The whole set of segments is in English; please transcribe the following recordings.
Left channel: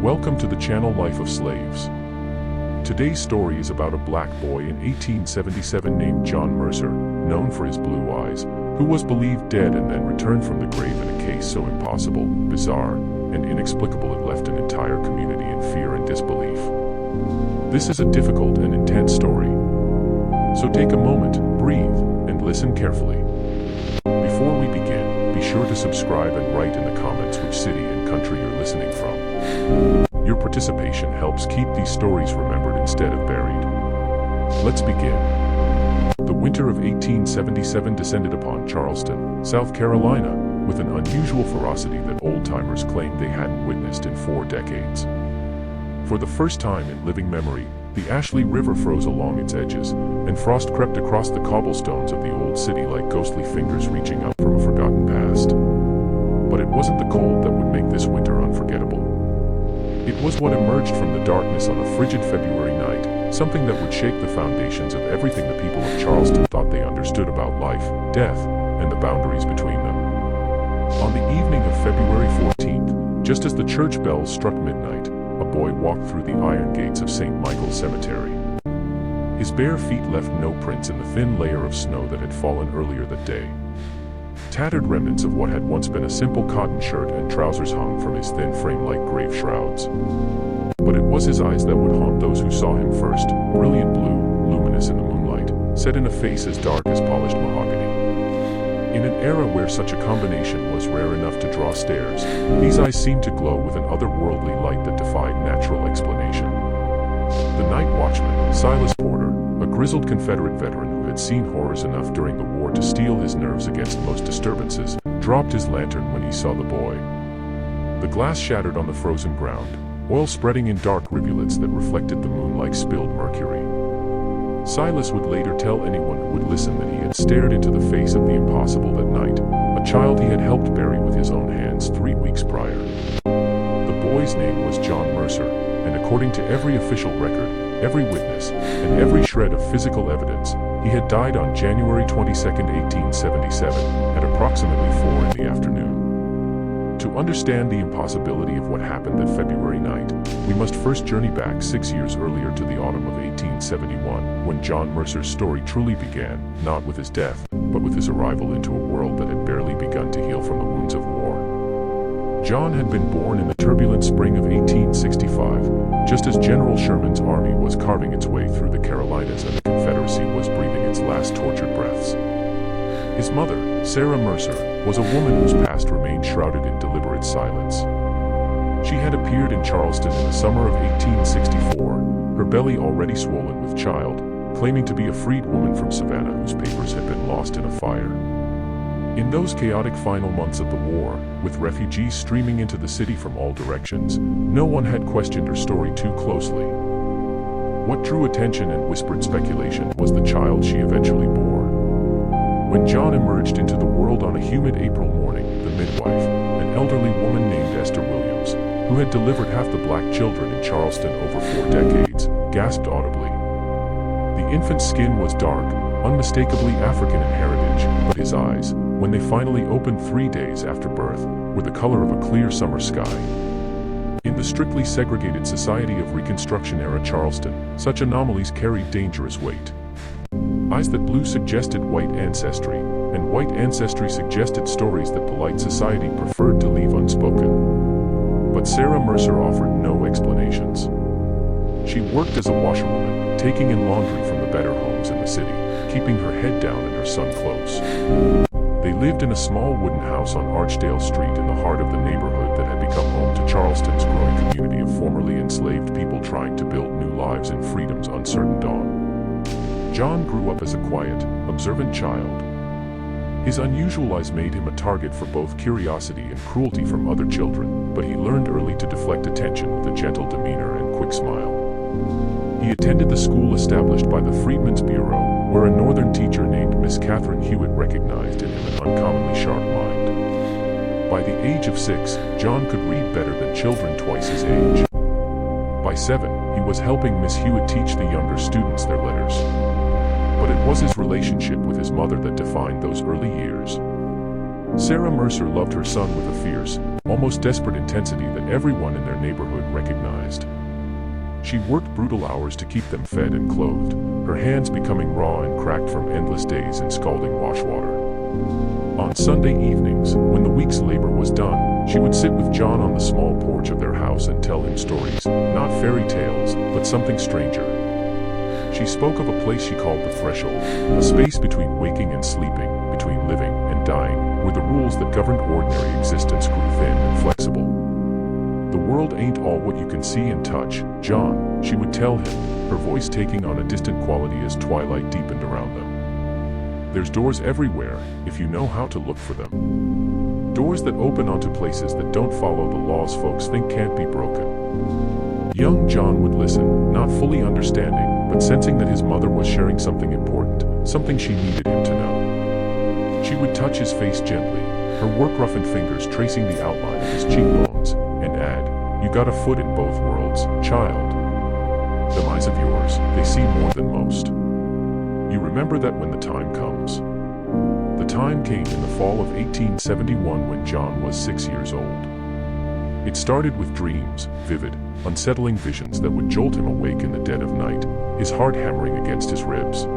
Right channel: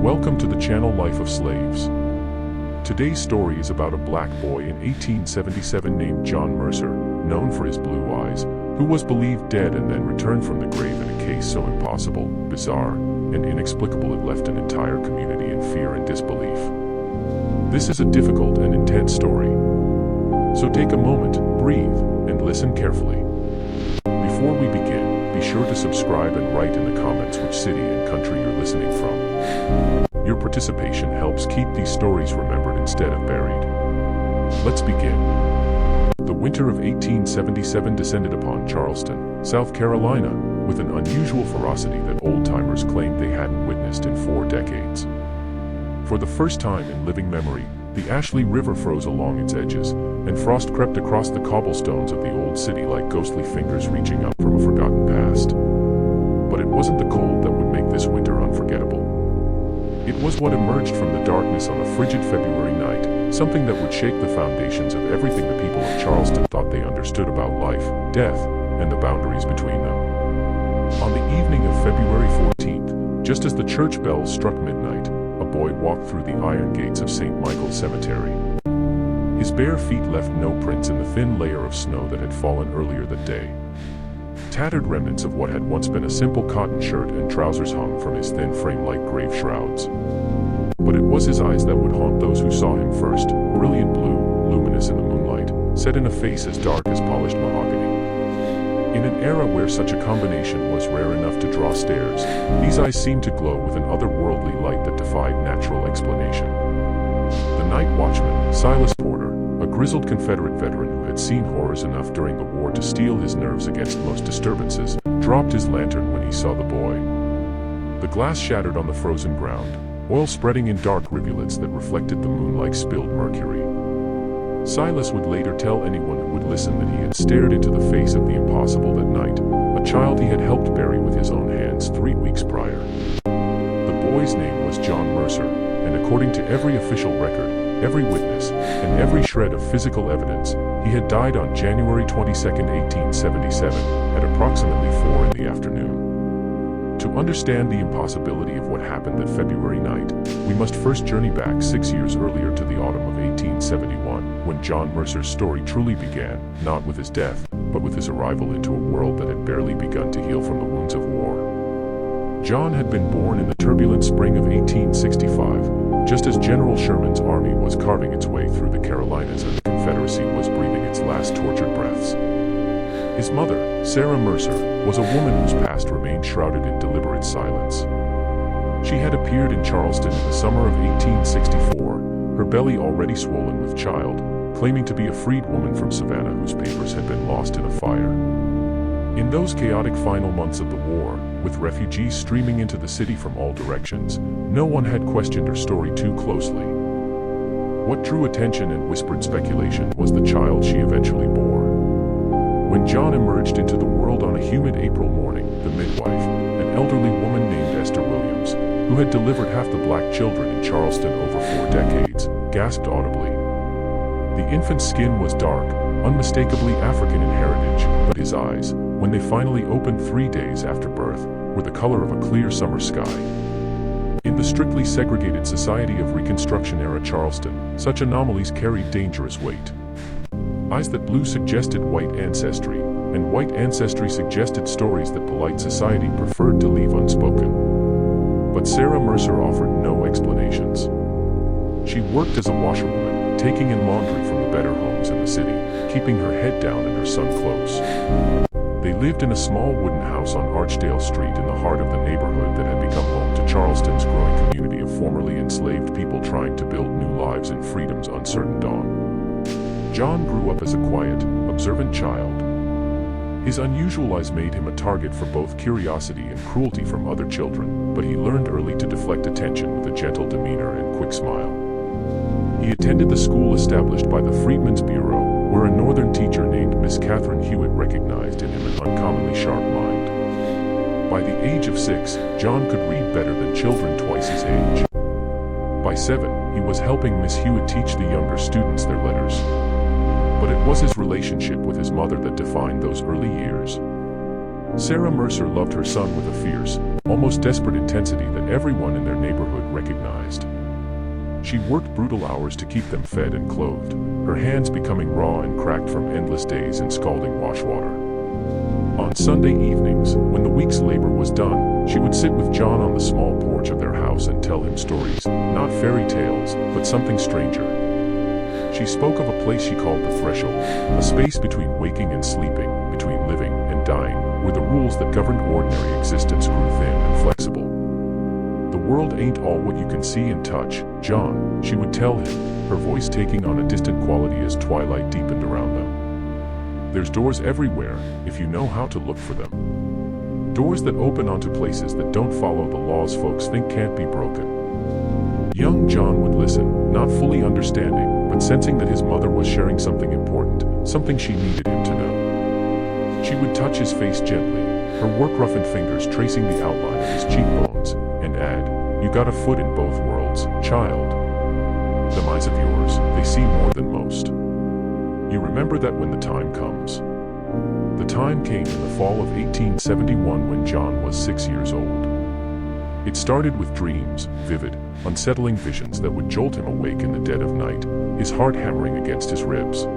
Welcome to the channel Life of Slaves. Today's story is about a black boy in 1877 named John Mercer, known for his blue eyes, who was believed dead and then returned from the grave in a case so impossible, bizarre, and inexplicable it left an entire community in fear and disbelief. This is a difficult and intense story. So take a moment, breathe, and listen carefully. Before we begin, be sure to subscribe and write in the comments which city and country you're listening from. Your participation helps keep these stories remembered instead of buried. Let's begin. The winter of 1877 descended upon Charleston, South Carolina, with an unusual ferocity that old-timers claimed they hadn't witnessed in 4 decades. For the first time in living memory, the Ashley River froze along its edges, and frost crept across the cobblestones of the old city like ghostly fingers reaching up from a forgotten past. But it wasn't the cold that would make this winter unforgettable. It was what emerged from the darkness on a frigid February night, something that would shake the foundations of everything the people of Charleston thought they understood about life, death, and the boundaries between them. On the evening of February 14th, just as the church bells struck midnight, a boy walked through the iron gates of St. Michael's Cemetery. His bare feet left no prints in the thin layer of snow that had fallen earlier that day. Tattered remnants of what had once been a simple cotton shirt and trousers hung from his thin frame like grave shrouds. But it was his eyes that would haunt those who saw him first, brilliant blue, luminous in the moonlight, set in a face as dark as polished mahogany. In an era where such a combination was rare enough to draw stares, these eyes seemed to glow with an otherworldly light that defied natural explanation. The night watchman, Silas Porter, a grizzled Confederate veteran who had seen horrors enough during the war to steel his nerves against most disturbances, dropped his lantern when he saw the boy. The glass shattered on the frozen ground, oil spreading in dark rivulets that reflected the moon like spilled mercury. Silas would later tell anyone who would listen that he had stared into the face of the impossible that night, a child he had helped bury with his own hands 3 weeks prior. The boy's name was John Mercer, and according to every official record, every witness, and every shred of physical evidence, he had died on January 22, 1877, at approximately 4 in the afternoon. To understand the impossibility of what happened that February night, we must first journey back 6 years earlier to the autumn of 1871, when John Mercer's story truly began, not with his death, but with his arrival into a world that had barely begun to heal from the wounds of war. John had been born in the turbulent spring of 1865, just as General Sherman's army was carving its way through the Carolinas and the Confederacy was breathing its last tortured breaths. His mother, Sarah Mercer, was a woman whose past remained shrouded in deliberate silence. She had appeared in Charleston in the summer of 1864, her belly already swollen with child, claiming to be a freed woman from Savannah whose papers had been lost in a fire. In those chaotic final months of the war, with refugees streaming into the city from all directions, no one had questioned her story too closely. What drew attention and whispered speculation was the child she eventually bore. When John emerged into the world on a humid April morning, the midwife, an elderly woman named Esther Williams, who had delivered half the black children in Charleston over 4 decades, gasped audibly. The infant's skin was dark, unmistakably African in heritage, but his eyes, when they finally opened 3 days after birth, were the color of a clear summer sky. In the strictly segregated society of Reconstruction-era Charleston, such anomalies carried dangerous weight. Eyes that blue suggested white ancestry, and white ancestry suggested stories that polite society preferred to leave unspoken. But Sarah Mercer offered no explanations. She worked as a washerwoman, taking in laundry from the better homes in the city, keeping her head down and her son close. They lived in a small wooden house on Archdale Street in the heart of the neighborhood that had become home to Charleston's growing community of formerly enslaved people trying to build new lives in freedom's uncertain dawn. John grew up as a quiet, observant child. His unusual eyes made him a target for both curiosity and cruelty from other children, but he learned early to deflect attention with a gentle demeanor and quick smile. He attended the school established by the Freedmen's Bureau, where a northern teacher named Miss Catherine Hewitt recognized in him an uncommonly sharp mind. By the age of 6, John could read better than children twice his age. By 7, he was helping Miss Hewitt teach the younger students their letters. But it was his relationship with his mother that defined those early years. Sarah Mercer loved her son with a fierce, almost desperate intensity that everyone in their neighborhood recognized. She worked brutal hours to keep them fed and clothed, her hands becoming raw and cracked from endless days in scalding wash water. On Sunday evenings, when the week's labor was done, she would sit with John on the small porch of their house and tell him stories, not fairy tales, but something stranger. She spoke of a place she called the threshold, a space between waking and sleeping, between living and dying, where the rules that governed ordinary existence grew thin and flexible. The world ain't all what you can see and touch, John, she would tell him, her voice taking on a distant quality as twilight deepened around them. There's doors everywhere, if you know how to look for them. Doors that open onto places that don't follow the laws folks think can't be broken. Young John would listen, not fully understanding, but sensing that his mother was sharing something important, something she needed him to know. She would touch his face gently, her work-roughened fingers tracing the outline of his cheekbones, and add, "You got a foot in both worlds, child. Them eyes of yours, they see more than most. You remember that when the time comes." The time came in the fall of 1871 when John was 6 years old. It started with dreams, vivid, unsettling visions that would jolt him awake in the dead of night, his heart hammering against his ribs.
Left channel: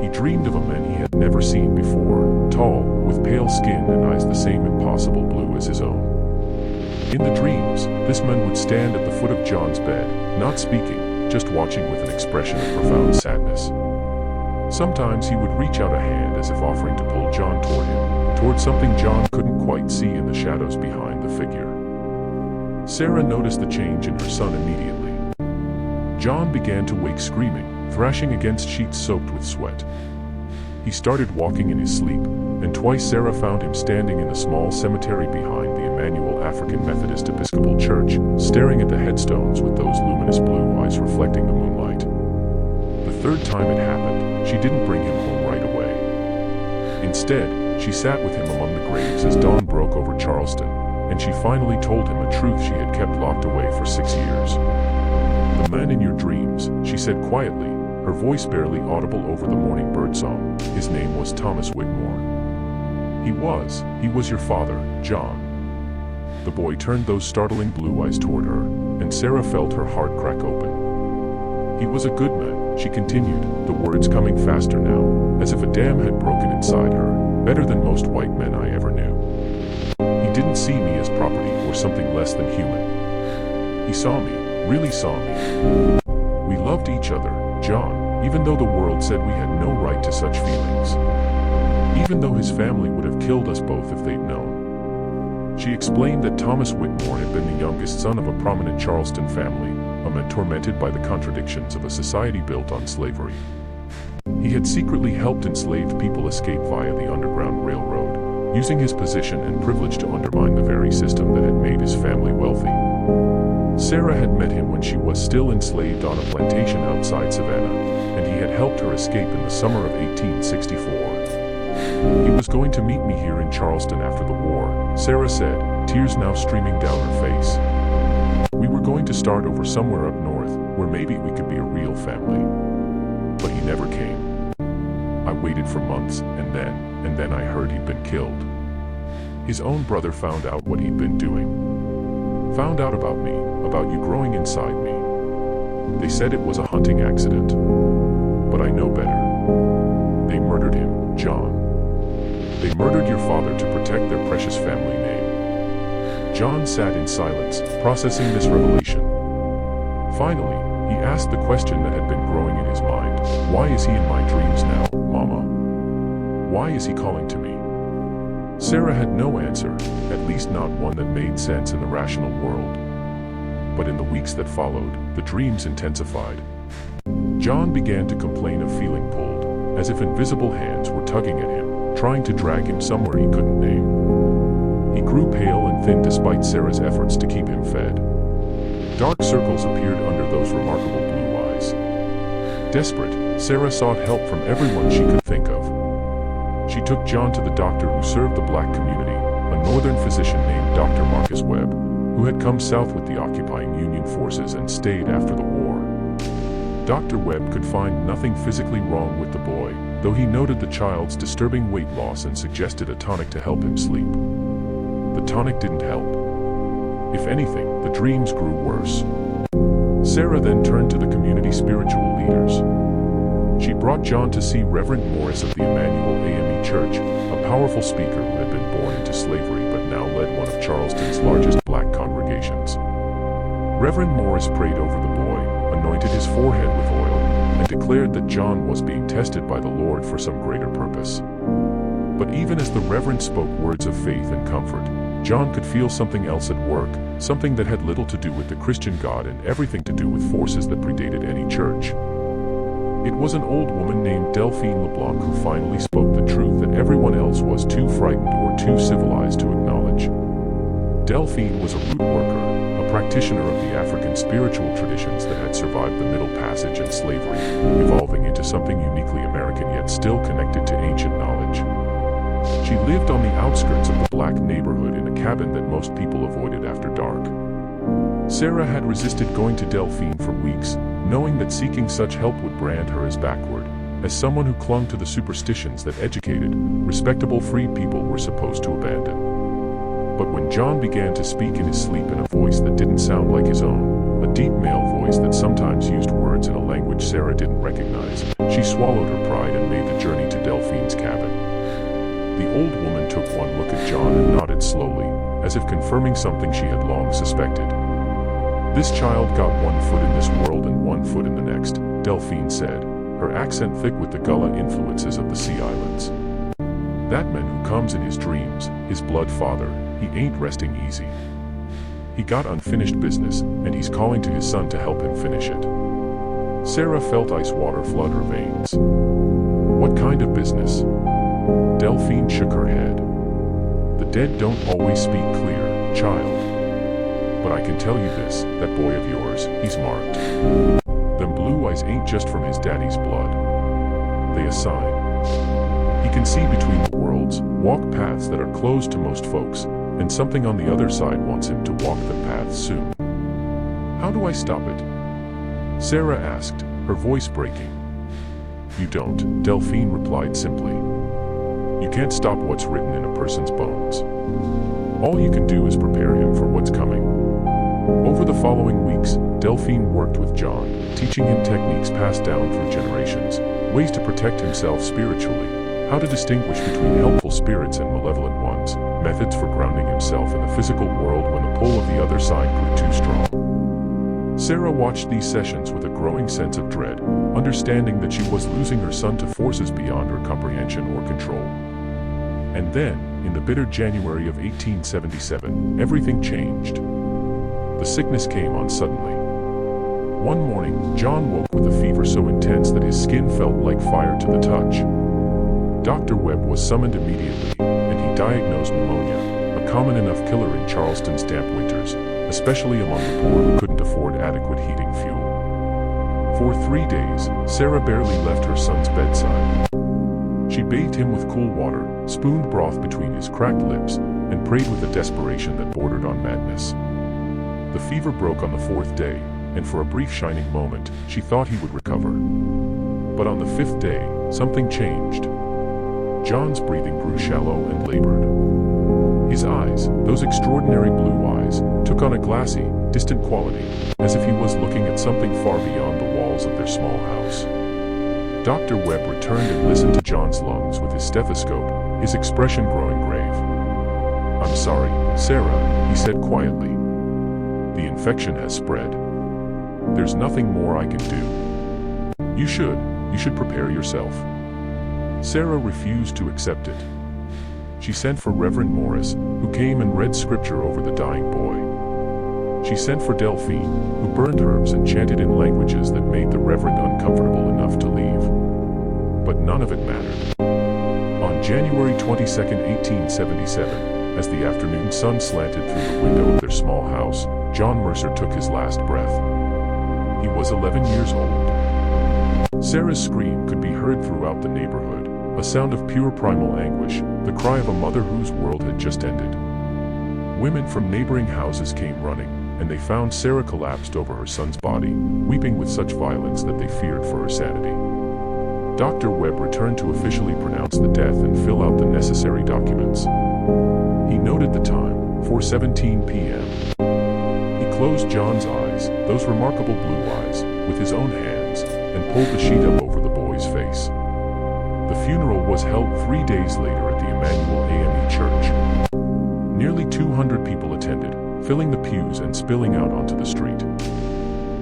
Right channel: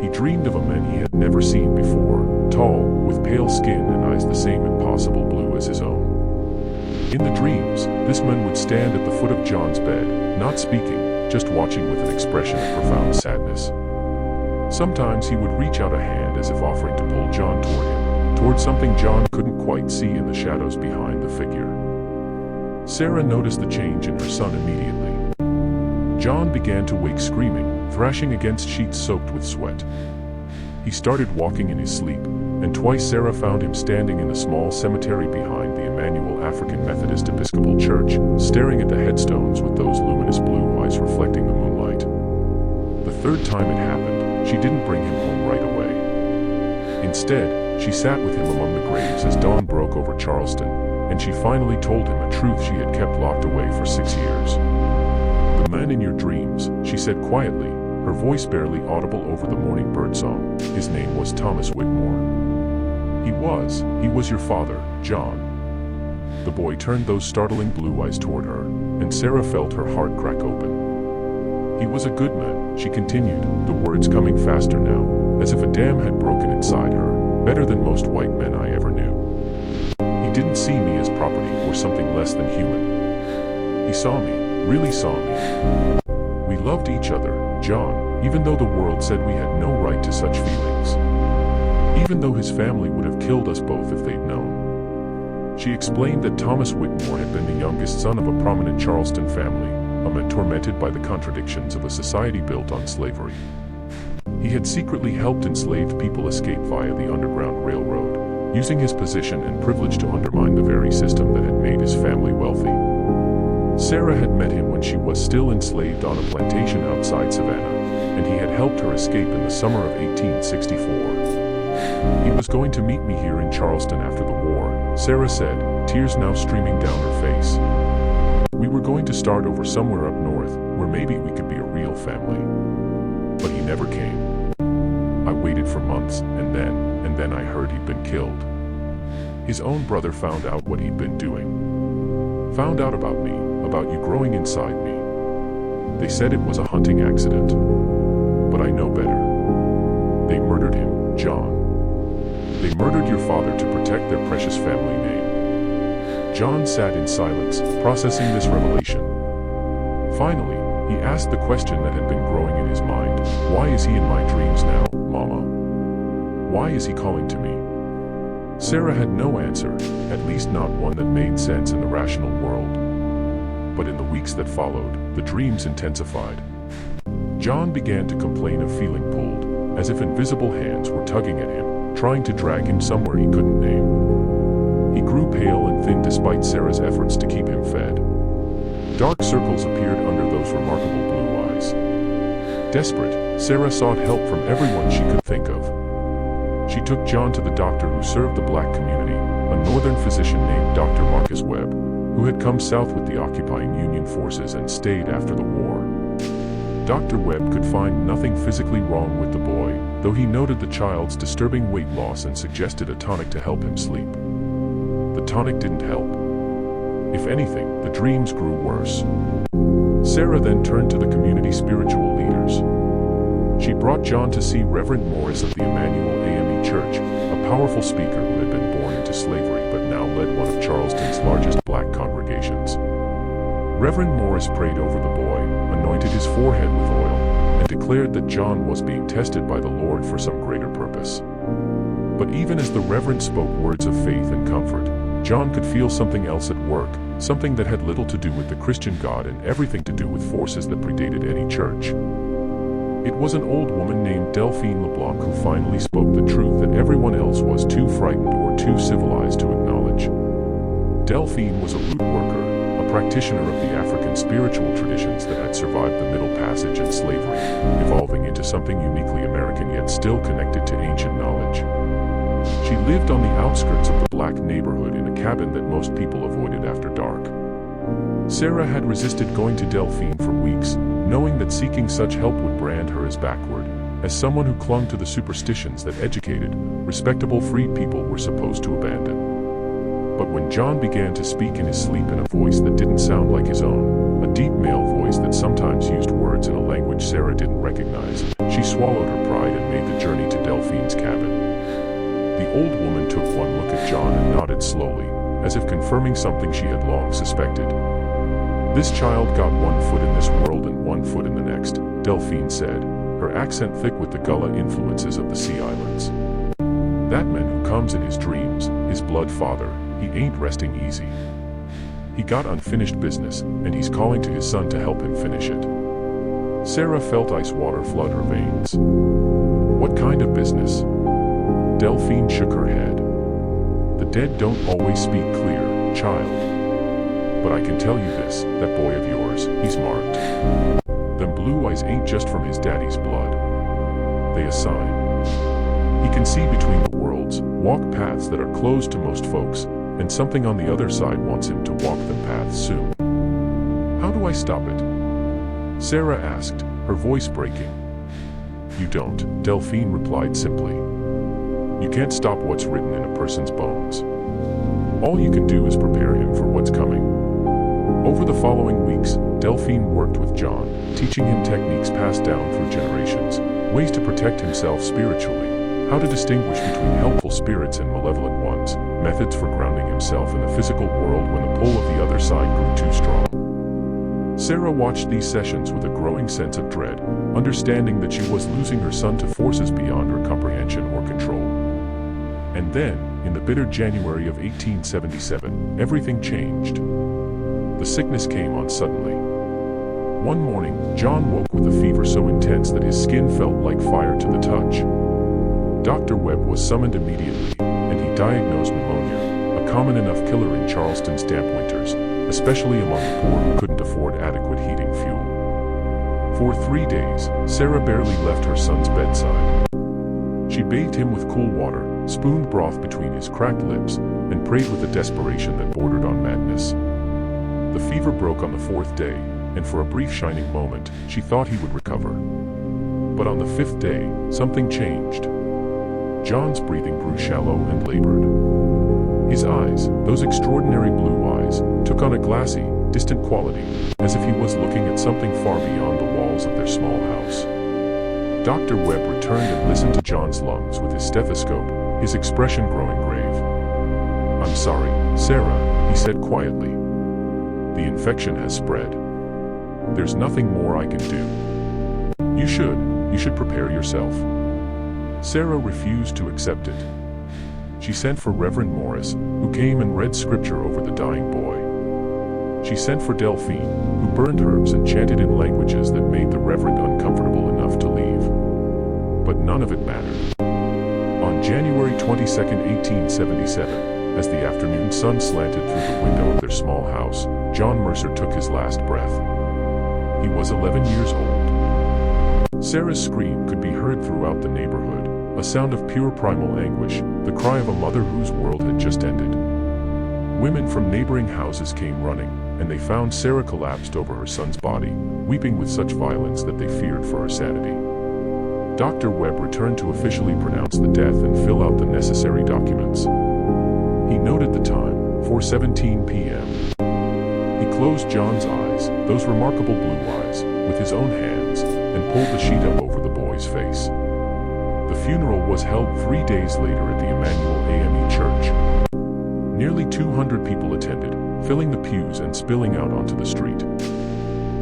He dreamed of a man he had never seen before, tall, with pale skin and eyes the same impossible blue as his own. In the dreams, this man would stand at the foot of John's bed, not speaking, just watching with an expression of profound sadness. Sometimes he would reach out a hand as if offering to pull John toward him, toward something John couldn't quite see in the shadows behind the figure. Sarah noticed the change in her son immediately. John began to wake screaming, thrashing against sheets soaked with sweat. He started walking in his sleep, and twice Sarah found him standing in the small cemetery behind the Emmanuel African Methodist Episcopal Church, staring at the headstones with those luminous blue eyes reflecting the moonlight. The third time it happened, she didn't bring him home right away. Instead, she sat with him among the graves as dawn broke over Charleston, and she finally told him a truth she had kept locked away for 6 years. "The man in your dreams," she said quietly, her voice barely audible over the morning birdsong, "his name was Thomas Whitmore. He was your father, John." The boy turned those startling blue eyes toward her, and Sarah felt her heart crack open. "He was a good man," she continued, the words coming faster now, as if a dam had broken inside her, "better than most white men I ever knew. He didn't see me as property or something less than human. He saw me, really saw me. We loved each other, John, even though the world said we had no right to such feelings. Even though his family would have killed us both if they'd known." She explained that Thomas Whitmore had been the youngest son of a prominent Charleston family, a man tormented by the contradictions of a society built on slavery. He had secretly helped enslaved people escape via the Underground Railroad, using his position and privilege to undermine the very system that had made his family wealthy. Sarah had met him when she was still enslaved on a plantation outside Savannah, and he had helped her escape in the summer of 1864. "He was going to meet me here in Charleston after the war," Sarah said, tears now streaming down her face. "We were going to start over somewhere up north, where maybe we could be a real family. But he never came. I waited for months, and then I heard he'd been killed. His own brother found out what he'd been doing. Found out about me, about you growing inside me. They said it was a hunting accident. But I know better. They murdered him, John. They murdered your father to protect their precious family name." John sat in silence, processing this revelation. Finally, he asked the question that had been growing in his mind. "Why is he in my dreams now, Mama? Why is he calling to me?" Sarah had no answer, at least not one that made sense in the rational world. But in the weeks that followed, the dreams intensified. John began to complain of feeling pulled, as if invisible hands were tugging at him, trying to drag him somewhere he couldn't name. He grew pale and thin despite Sarah's efforts to keep him fed. Dark circles appeared under those remarkable blue eyes. Desperate, Sarah sought help from everyone she could think of. She took John to the doctor who served the black community, a northern physician named Dr. Marcus Webb, who had come south with the occupying Union forces and stayed after the war. Dr. Webb could find nothing physically wrong with the boy, though he noted the child's disturbing weight loss and suggested a tonic to help him sleep. The tonic didn't help. If anything, the dreams grew worse. Sarah then turned to the community spiritual leaders. She brought John to see Reverend Morris of the Emmanuel AME Church, a powerful speaker who had been born into slavery but now led one of Charleston's largest black congregations. Reverend Morris prayed over the boy, anointed his forehead with oil, and declared that John was being tested by the Lord for some greater purpose. But even as the Reverend spoke words of faith and comfort, John could feel something else at work, something that had little to do with the Christian God and everything to do with forces that predated any church. It was an old woman named Delphine LeBlanc who finally spoke the truth that everyone else was too frightened or too civilized to acknowledge. Delphine was a root worker, a practitioner of the African spiritual traditions that had survived the Middle Passage and slavery, evolving into something uniquely American yet still connected to ancient knowledge. She lived on the outskirts of the black neighborhood in a cabin that most people avoided after dark. Sarah had resisted going to Delphine for weeks, knowing that seeking such help would brand her as backward, as someone who clung to the superstitions that educated, respectable freed people were supposed to abandon. But when John began to speak in his sleep in a voice that didn't sound like his own, a deep male voice that sometimes used words in a language Sarah didn't recognize, she swallowed her pride and made the journey to Delphine's cabin. The old woman took one look at John and nodded slowly, as if confirming something she had long suspected. "This child got one foot in this world and one foot in the next," Delphine said, her accent thick with the Gullah influences of the Sea Islands. "That man who comes in his dreams, his blood father, he ain't resting easy. He got unfinished business, and he's calling to his son to help him finish it." Sarah felt ice water flood her veins. "What kind of business?" Delphine shook her head. "The dead don't always speak clear, child. But I can tell you this, that boy of yours, he's marked. Them blue eyes ain't just from his daddy's blood. They a sign. He can see between the worlds, walk paths that are closed to most folks, and something on the other side wants him to walk them paths soon. How do I stop it?" Sarah asked, her voice breaking. "You don't," Delphine replied simply. "You can't stop what's written in a person's bones. All you can do is prepare him for what's coming." Over the following weeks, Delphine worked with John, teaching him techniques passed down through generations, ways to protect himself spiritually, how to distinguish between helpful spirits and malevolent ones, methods for grounding himself in the physical world when the pull of the other side grew too strong. Sarah watched these sessions with a growing sense of dread, understanding that she was losing her son to forces beyond her comprehension or control. And then, in the bitter January of 1877, everything changed. The sickness came on suddenly. One morning, John woke with a fever so intense that his skin felt like fire to the touch. Dr. Webb was summoned immediately, and he diagnosed pneumonia, a common enough killer in Charleston's damp winters, especially among the poor who couldn't afford adequate heating fuel. For 3 days, Sarah barely left her son's bedside. She bathed him with cool water, spooned broth between his cracked lips, and prayed with a desperation that bordered on madness. The fever broke on the 4th day, and for a brief shining moment, she thought he would recover. But on the 5th day, something changed. John's breathing grew shallow and labored. His eyes, those extraordinary blue eyes, took on a glassy, distant quality, as if he was looking at something far beyond the walls of their small house. Dr. Webb returned and listened to John's lungs with his stethoscope, his expression growing grave. "I'm sorry, Sarah," he said quietly. "The infection has spread. There's nothing more I can do. You should prepare yourself." Sarah refused to accept it. She sent for Reverend Morris, who came and read scripture over the dying boy. She sent for Delphine, who burned herbs and chanted in languages that made the Reverend uncomfortable enough to leave. But none of it mattered. On January 22, 1877, as the afternoon sun slanted through the window of their small house, John Mercer took his last breath. He was 11 years old. Sarah's scream could be heard throughout the neighborhood, a sound of pure primal anguish, the cry of a mother whose world had just ended. Women from neighboring houses came running, and they found Sarah collapsed over her son's body, weeping with such violence that they feared for her sanity. Dr. Webb returned to officially pronounce the death and fill out the necessary documents. He noted the time, 4:17 p.m. closed John's eyes, those remarkable blue eyes, with his own hands, and pulled the sheet up over the boy's face. The funeral was held 3 days later at the Emmanuel AME Church. Nearly 200 people attended, filling the pews and spilling out onto the street.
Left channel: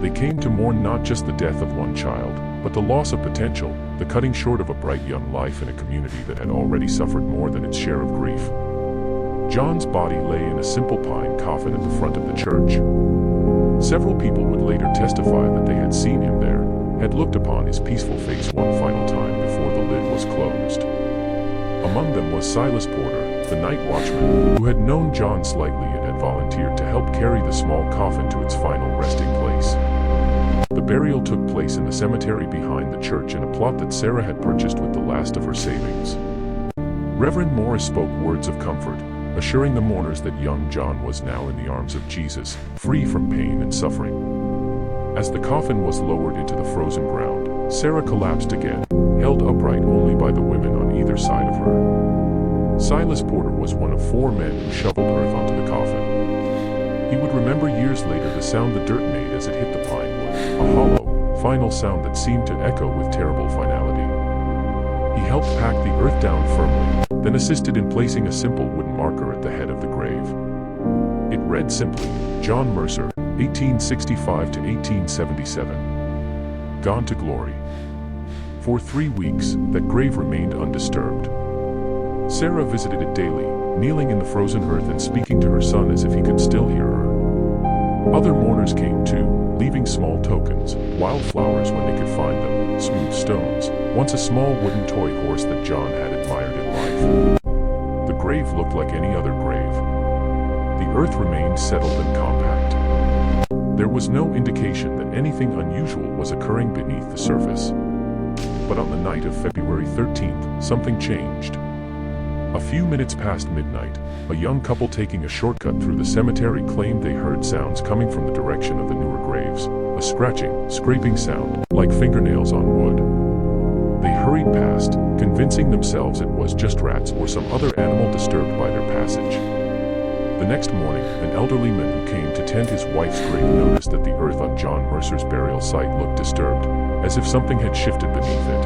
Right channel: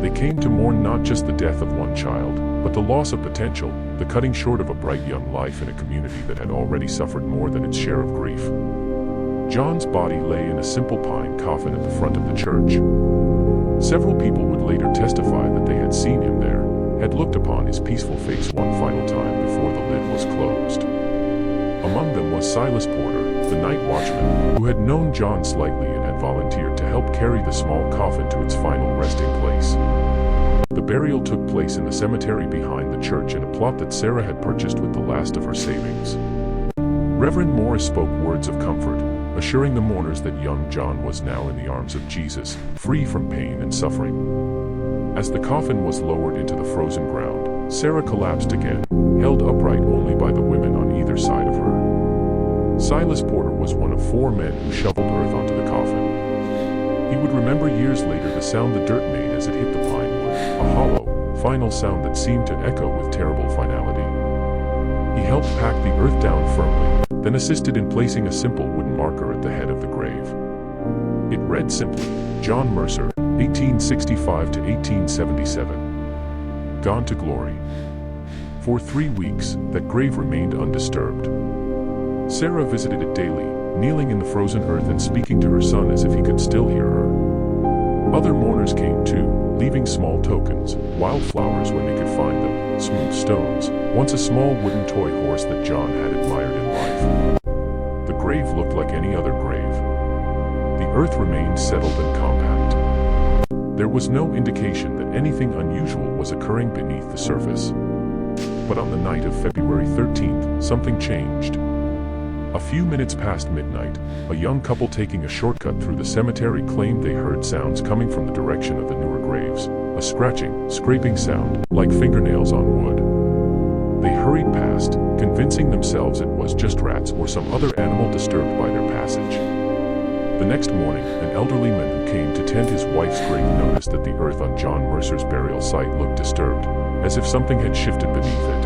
They came to mourn not just the death of one child, but the loss of potential, the cutting short of a bright young life in a community that had already suffered more than its share of grief. John's body lay in a simple pine coffin at the front of the church. Several people would later testify that they had seen him there, had looked upon his peaceful face one final time before the lid was closed. Among them was Silas Porter, the night watchman, who had known John slightly and had volunteered to help carry the small coffin to its final resting place. The burial took place in the cemetery behind the church in a plot that Sarah had purchased with the last of her savings. Reverend Morris spoke words of comfort, assuring the mourners that young John was now in the arms of Jesus, free from pain and suffering. As the coffin was lowered into the frozen ground, Sarah collapsed again, held upright only by the women on either side of her. Silas Porter was one of 4 men who shoveled earth onto the coffin. He would remember years later the sound the dirt made as it hit the pine wood, a hollow, final sound that seemed to echo with terrible finality. He helped pack the earth down firmly, then assisted in placing a simple wooden marker at the head of the grave. It read simply, John Mercer, 1865 to 1877. Gone to glory. For 3 weeks, that grave remained undisturbed. Sarah visited it daily, kneeling in the frozen earth and speaking to her son as if he could still hear her. Other mourners came too, leaving small tokens, wildflowers when they could find them, smooth stones, once a small wooden toy horse that John had admired in life. The grave looked like any other grave. The earth remained settled and compact. There was no indication that anything unusual was occurring beneath the surface. But on the night of February 13th, something changed. A few minutes past midnight, a young couple taking a shortcut through the cemetery claimed they heard sounds coming from the direction of the newer graves, a scratching, scraping sound, like fingernails on wood. They hurried past, convincing themselves it was just rats or some other animal disturbed by their passage. The next morning, an elderly man who came to tend his wife's grave noticed that the earth on John Mercer's burial site looked disturbed, as if something had shifted beneath it.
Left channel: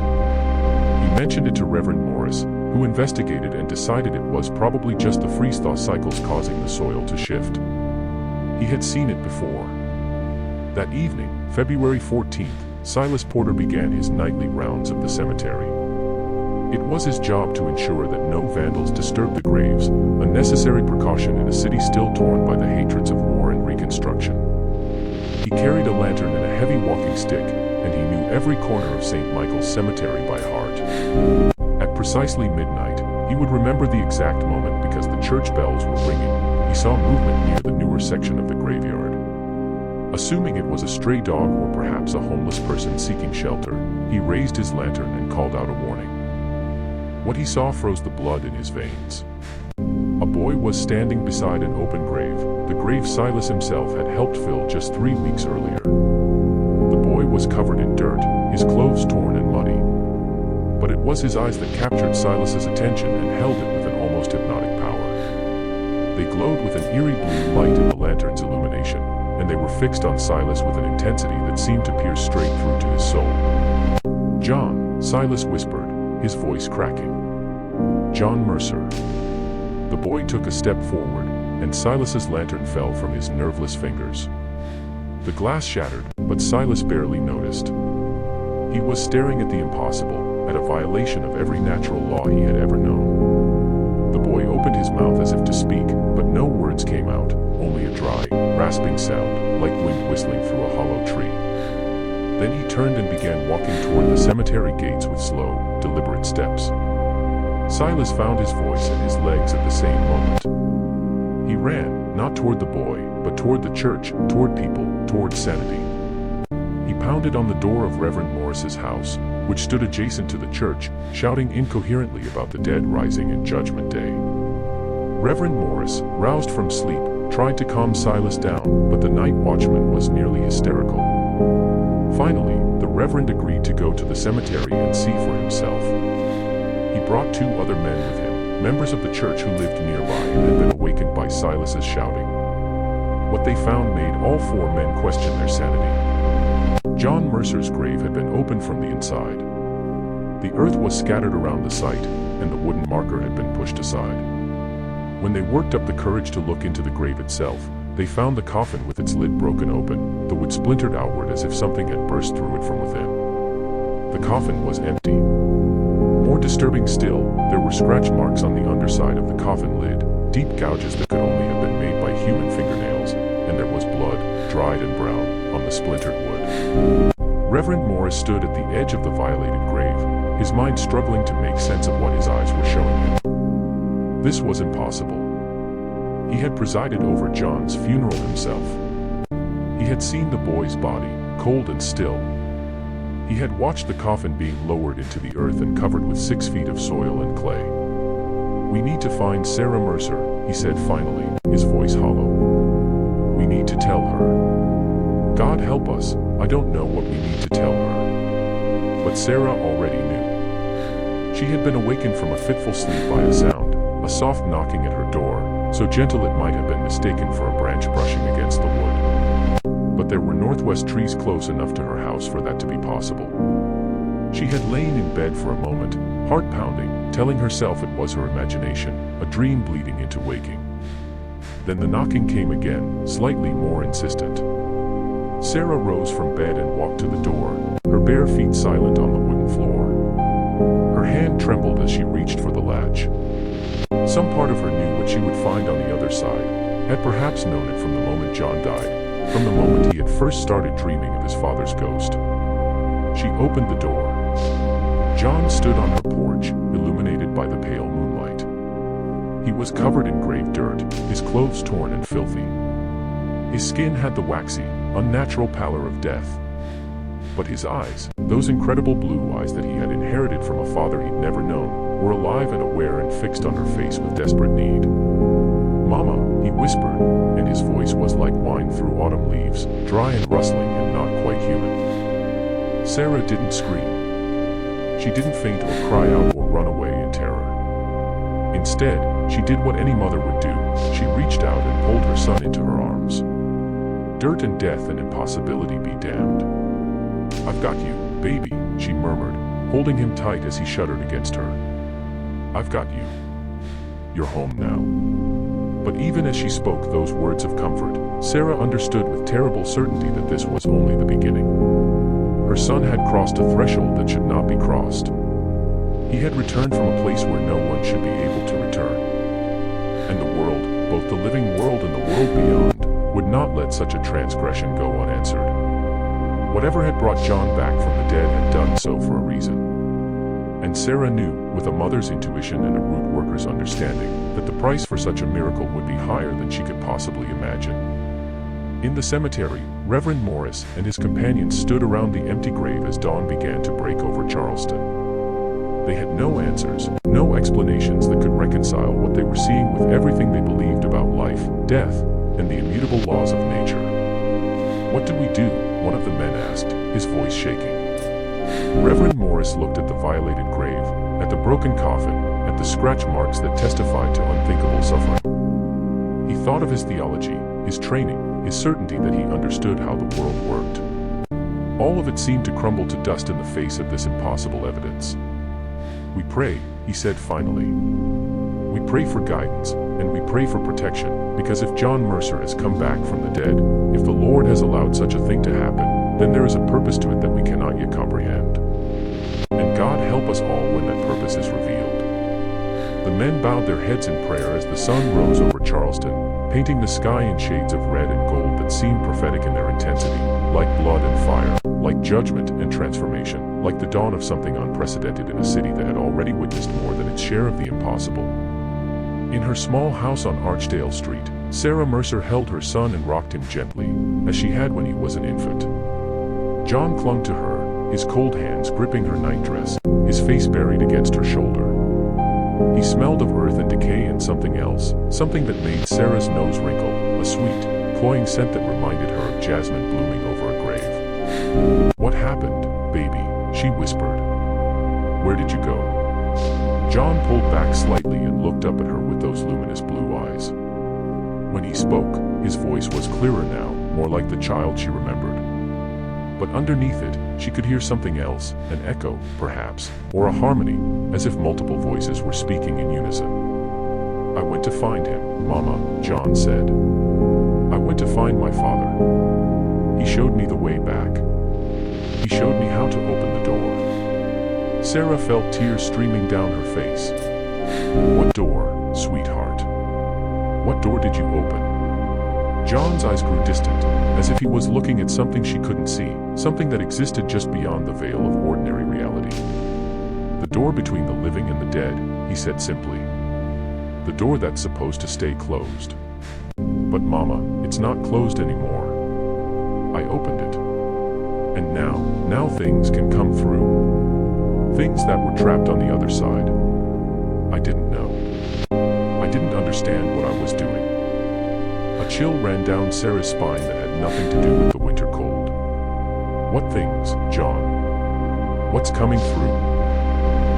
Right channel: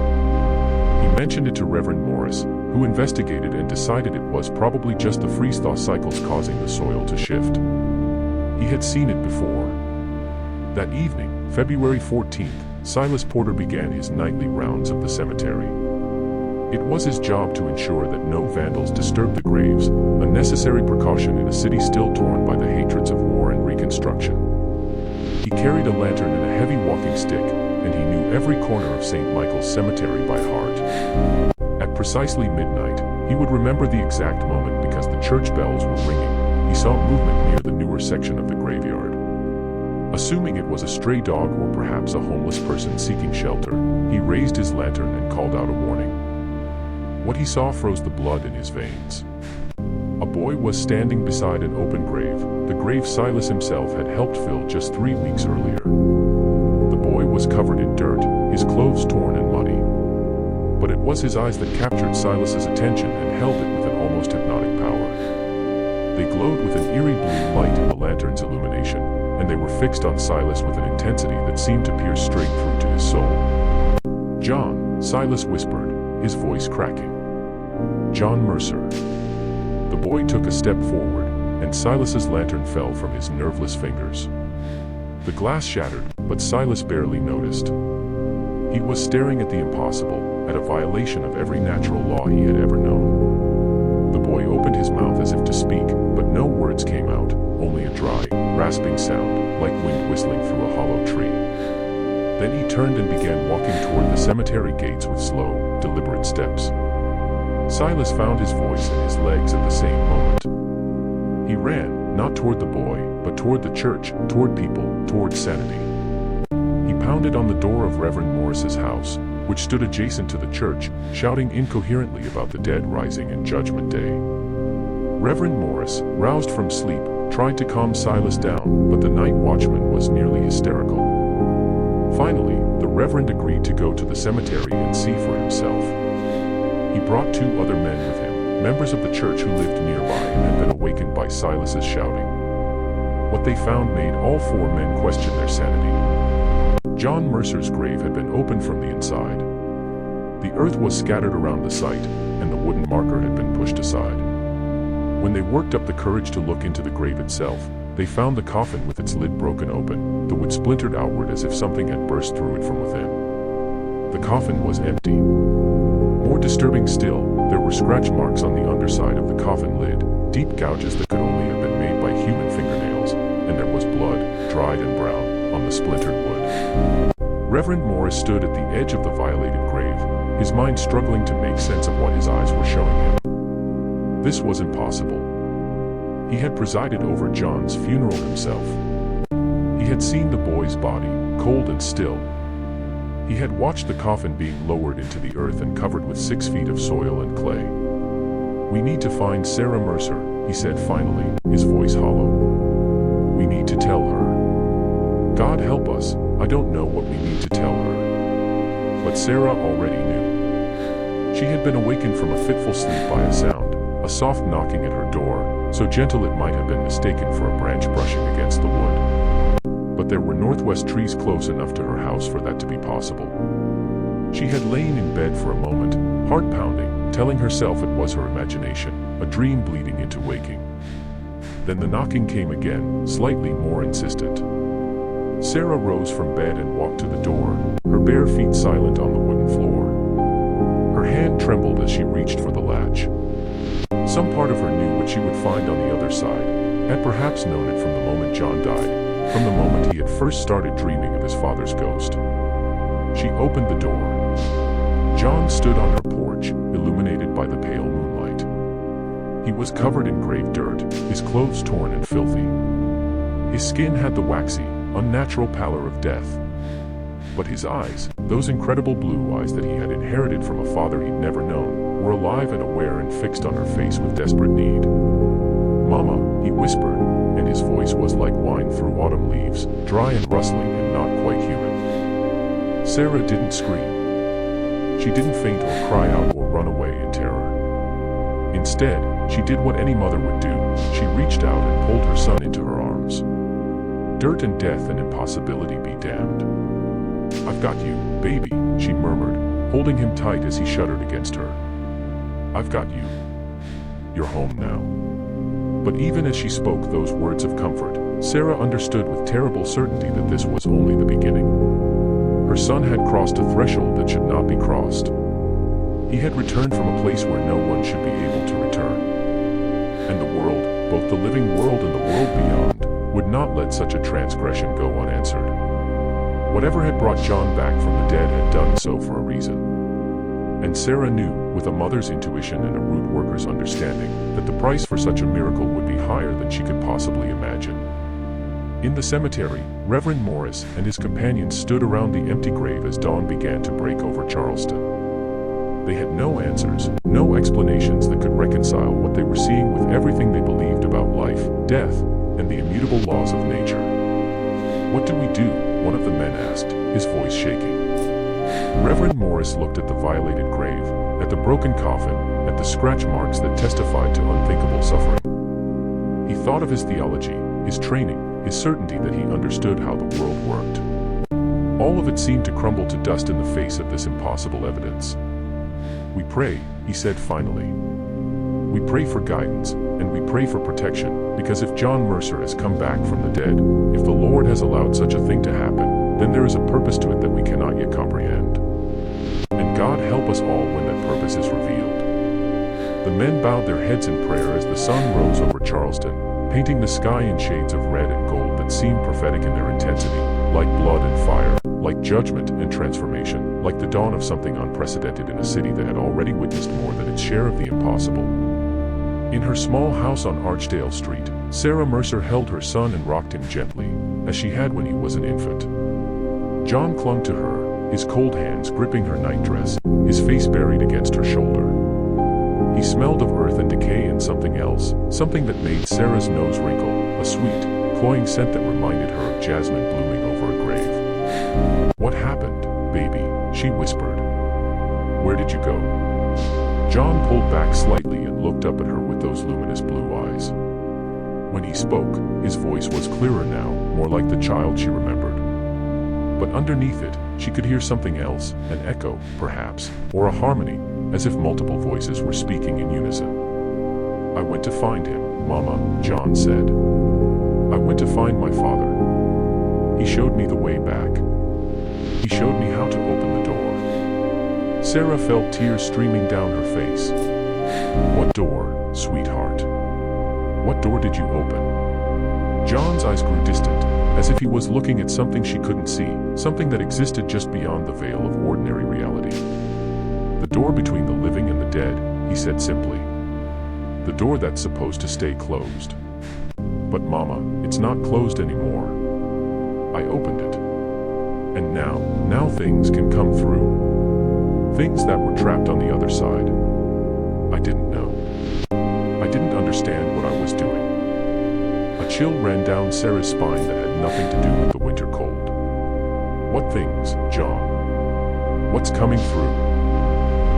He mentioned it to Reverend Morris, who investigated and decided it was probably just the freeze-thaw cycles causing the soil to shift. He had seen it before. That evening, February 14th, Silas Porter began his nightly rounds of the cemetery. It was his job to ensure that no vandals disturbed the graves, a necessary precaution in a city still torn by the hatreds of war and Reconstruction. He carried a lantern and a heavy walking stick, and he knew every corner of St. Michael's Cemetery by heart. At precisely midnight, he would remember the exact moment because the church bells were ringing. He saw movement near the newer section of the graveyard. Assuming it was a stray dog or perhaps a homeless person seeking shelter, he raised his lantern and called out a warning. What he saw froze the blood in his veins. A boy was standing beside an open grave, the grave Silas himself had helped fill just 3 weeks earlier. The boy was covered in dirt, his clothes torn and muddy. But it was his eyes that captured Silas's attention and held it with an almost hypnotic power. They glowed with an eerie blue light in the lantern's illumination, and they were fixed on Silas with an intensity that seemed to pierce straight through to his soul. "John," Silas whispered, his voice cracking. "John Mercer." The boy took a step forward, and Silas's lantern fell from his nerveless fingers. The glass shattered, but Silas barely noticed. He was staring at the impossible, at a violation of every natural law he had ever known. The boy opened his mouth as if to speak, but no words came out, only a dry, rasping sound, like wind whistling through a hollow tree. Then he turned and began walking toward the cemetery gates with slow, deliberate steps. Silas found his voice and his legs at the same moment. He ran, not toward the boy, but toward the church, toward people, toward sanity. He pounded on the door of Reverend Morris's house, which stood adjacent to the church, shouting incoherently about the dead rising in Judgment Day. Reverend Morris, roused from sleep, tried to calm Silas down, but the night watchman was nearly hysterical. Finally, the Reverend agreed to go to the cemetery and see for himself. He brought 2 other men with him, members of the church who lived nearby and had been awakened by Silas's shouting. What they found made all four men question their sanity. John Mercer's grave had been opened from the inside. The earth was scattered around the site, and the wooden marker had been pushed aside. When they worked up the courage to look into the grave itself, they found the coffin with its lid broken open, the wood splintered outward as if something had burst through it from within. The coffin was empty. More disturbing still, there were scratch marks on the underside of the coffin lid, deep gouges that could only have been made by human fingernails, and there was blood, dried and brown, on the splintered wood. Reverend Morris stood at the edge of the violated grave, his mind struggling to make sense of what his eyes were showing him. This was impossible. He had presided over John's funeral himself. He had seen the boy's body, cold and still. He had watched the coffin being lowered into the earth and covered with 6 feet of soil and clay. "We need to find Sarah Mercer," he said finally, his voice hollow. "We need to tell her. God help us, I don't know what we need to tell her." But Sarah already knew. She had been awakened from a fitful sleep by a sound, a soft knocking at her door, so gentle it might have been mistaken for a branch brushing against the wood. But there were northwest trees close enough to her house for that to be possible. She had lain in bed for a moment, heart pounding, telling herself it was her imagination, a dream bleeding into waking. Then the knocking came again, slightly more insistent. Sarah rose from bed and walked to the door, her bare feet silent on the wooden floor. Her hand trembled as she reached for the latch. Some part of her knew what she would find on the other side, had perhaps known it from the moment John died, from the moment he had first started dreaming of his father's ghost. She opened the door. John stood on her porch, illuminated by the pale moonlight. He was covered in grave dirt, his clothes torn and filthy. His skin had the waxy, unnatural pallor of death. But his eyes, those incredible blue eyes that he had inherited from a father he'd never known, were alive and aware and fixed on her face with desperate need. "Mama," he whispered, and his voice was like wine through autumn leaves, dry and rustling and not quite human. Sarah didn't scream. She didn't faint or cry out or run away in terror. Instead, she did what any mother would do. She reached out and pulled her son into her arms. "Dirt and death and impossibility be damned. I've got you, baby," she murmured, holding him tight as he shuddered against her. "I've got you. You're home now." But even as she spoke those words of comfort, Sarah understood with terrible certainty that this was only the beginning. Her son had crossed a threshold that should not be crossed. He had returned from a place where no one should be able to return. And the world, both the living world and the world beyond, would not let such a transgression go unanswered. Whatever had brought John back from the dead had done so for a reason. And Sarah knew, with a mother's intuition and a root worker's understanding, that the price for such a miracle would be higher than she could possibly imagine. In the cemetery, Reverend Morris and his companions stood around the empty grave as dawn began to break over Charleston. They had no answers, no explanations that could reconcile what they were seeing with everything they believed about life, death, and the immutable laws of nature. "What do we do?" one of the men asked, his voice shaking. Reverend Morris looked at the violated grave, at the broken coffin, at the scratch marks that testified to unthinkable suffering. He thought of his theology, his training, his certainty that he understood how the world worked. All of it seemed to crumble to dust in the face of this impossible evidence. "We pray," he said finally. "We pray for guidance, and we pray for protection, because if John Mercer has come back from the dead, if the Lord has allowed such a thing to happen, then there is a purpose to it that we cannot yet comprehend. And God help us all when that purpose is revealed." The men bowed their heads in prayer as the sun rose over Charleston, painting the sky in shades of red and gold that seemed prophetic in their intensity, like blood and fire, like judgment and transformation, like the dawn of something unprecedented in a city that had already witnessed more than its share of the impossible. In her small house on Archdale Street, Sarah Mercer held her son and rocked him gently, as she had when he was an infant. John clung to her, his cold hands gripping her nightdress, his face buried against her shoulder. He smelled of earth and decay and something else, something that made Sarah's nose wrinkle, a sweet, cloying scent that reminded her of jasmine blooming over a grave. "What happened, baby?" she whispered. "Where did you go?" John pulled back slightly and looked up at her with those luminous blue eyes. When he spoke, his voice was clearer now, more like the child she remembered. But underneath it, she could hear something else, an echo, perhaps, or a harmony, as if multiple voices were speaking in unison. "I went to find him, Mama," John said. "I went to find my father. He showed me the way back. He showed me how to open the door." Sarah felt tears streaming down her face. "What door, sweetheart? What door did you open?" John's eyes grew distant, as if he was looking at something she couldn't see, something that existed just beyond the veil of ordinary reality. "The door between the living and the dead," he said simply. "The door that's supposed to stay closed. But Mama, it's not closed anymore. I opened it. And now things can come through. Things that were trapped on the other side. I didn't know. I didn't understand what I was doing." A chill ran down Sarah's spine that had nothing to do with the winter cold. "What things, John? What's coming through?"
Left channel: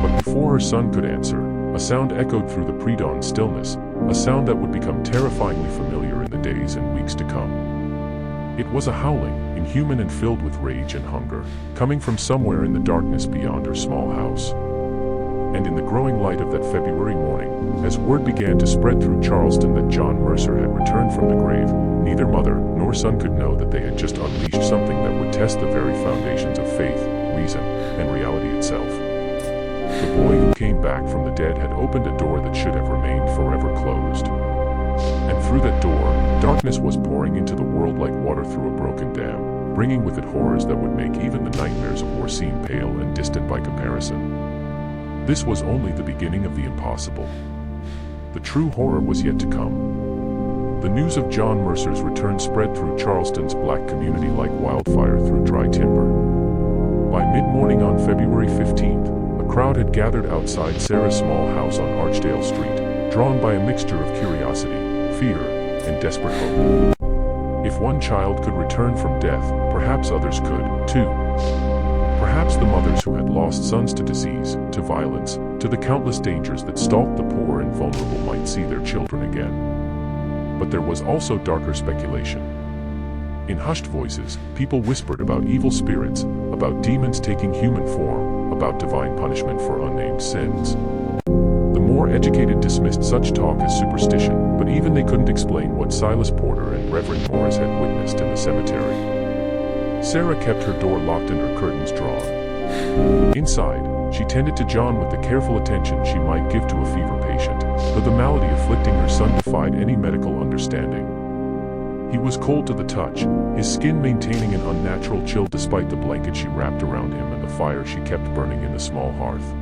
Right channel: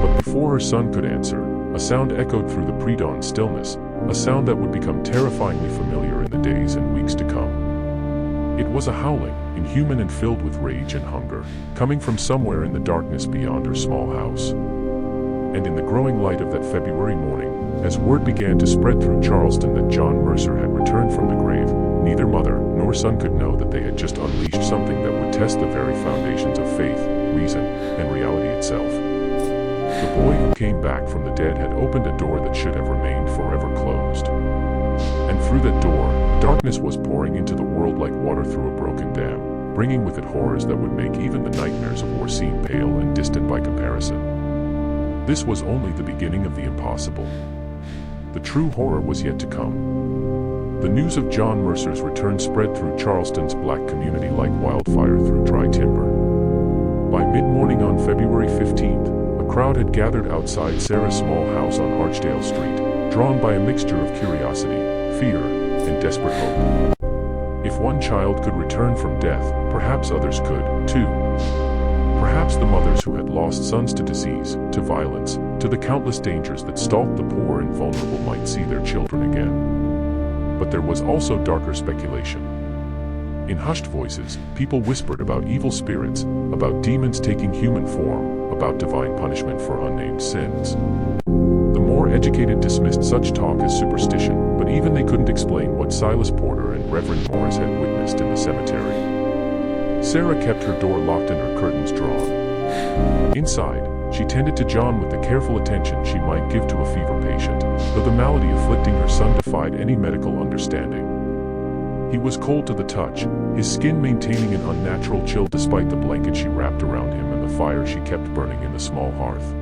But before her son could answer, a sound echoed through the pre-dawn stillness, a sound that would become terrifyingly familiar in the days and weeks to come. It was a howling, inhuman and filled with rage and hunger, coming from somewhere in the darkness beyond her small house. And in the growing light of that February morning, as word began to spread through Charleston that John Mercer had returned from the grave, neither mother nor son could know that they had just unleashed something that would test the very foundations of faith, reason, and reality itself. The boy who came back from the dead had opened a door that should have remained forever closed. And through that door, darkness was pouring into the world like water through a broken dam, bringing with it horrors that would make even the nightmares of war seem pale and distant by comparison. This was only the beginning of the impossible. The true horror was yet to come. The news of John Mercer's return spread through Charleston's black community like wildfire through dry timber. By mid-morning on February 15th, a crowd had gathered outside Sarah's small house on Archdale Street, drawn by a mixture of curiosity, fear, and desperate hope. If one child could return from death, perhaps others could, too. Perhaps the mothers who had lost sons to disease, to violence, to the countless dangers that stalked the poor and vulnerable might see their children again. But there was also darker speculation. In hushed voices, people whispered about evil spirits, about demons taking human form, about divine punishment for unnamed sins. The more educated dismissed such talk as superstition, but even they couldn't explain what Silas Porter and Reverend Morris had witnessed in the cemetery. Sarah kept her door locked and her curtains drawn. Inside, she tended to John with the careful attention she might give to a fever patient, though the malady afflicting her son defied any medical understanding. He was cold to the touch, his skin maintaining an unnatural chill despite the blanket she wrapped around him and the fire she kept burning in the small hearth.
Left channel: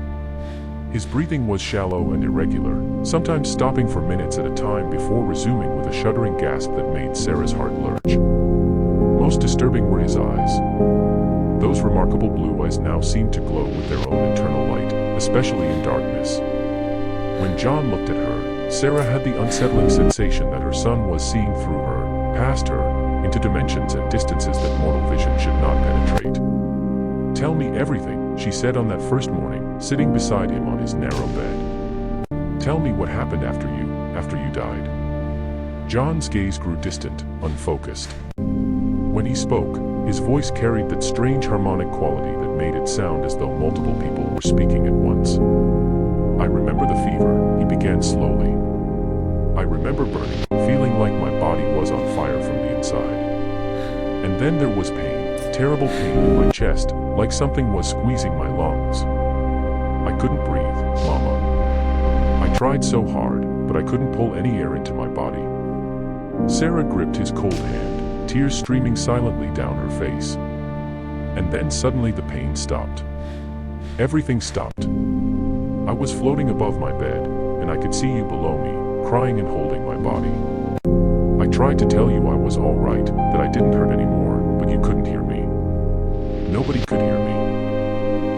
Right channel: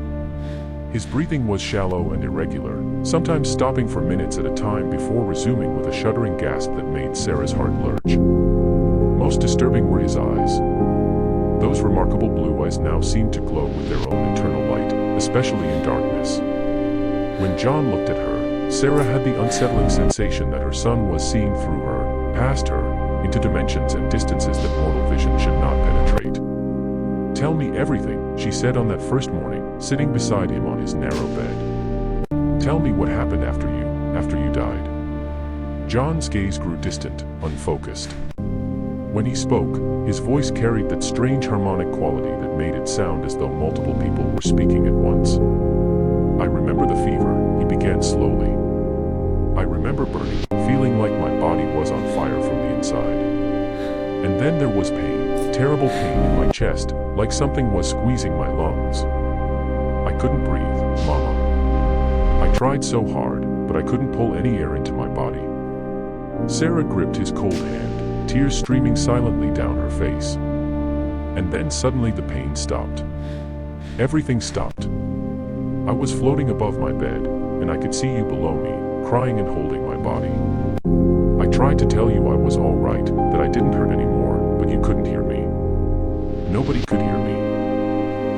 His breathing was shallow and irregular, sometimes stopping for minutes at a time before resuming with a shuddering gasp that made Sarah's heart lurch. Most disturbing were his eyes. Those remarkable blue eyes now seemed to glow with their own internal light, especially in darkness. When John looked at her, Sarah had the unsettling sensation that her son was seeing through her, past her, into dimensions and distances that mortal vision should not penetrate. "Tell me everything," she said on that first morning, sitting beside him on his narrow bed. "Tell me what happened after you died." John's gaze grew distant, unfocused. When he spoke, his voice carried that strange harmonic quality that made it sound as though multiple people were speaking at once. "I remember the fever," he began slowly. "I remember burning, feeling like my body was on fire from the inside. And then there was pain, terrible pain in my chest, like something was squeezing my lungs. I couldn't breathe, Mama. I tried so hard, but I couldn't pull any air into my body." Sarah gripped his cold hand, tears streaming silently down her face. And then suddenly the pain stopped. Everything stopped. I was floating above my bed, and I could see you below me, crying and holding my body. I tried to tell you I was all right, that I didn't hurt anymore, but you couldn't hear me. Nobody could hear me.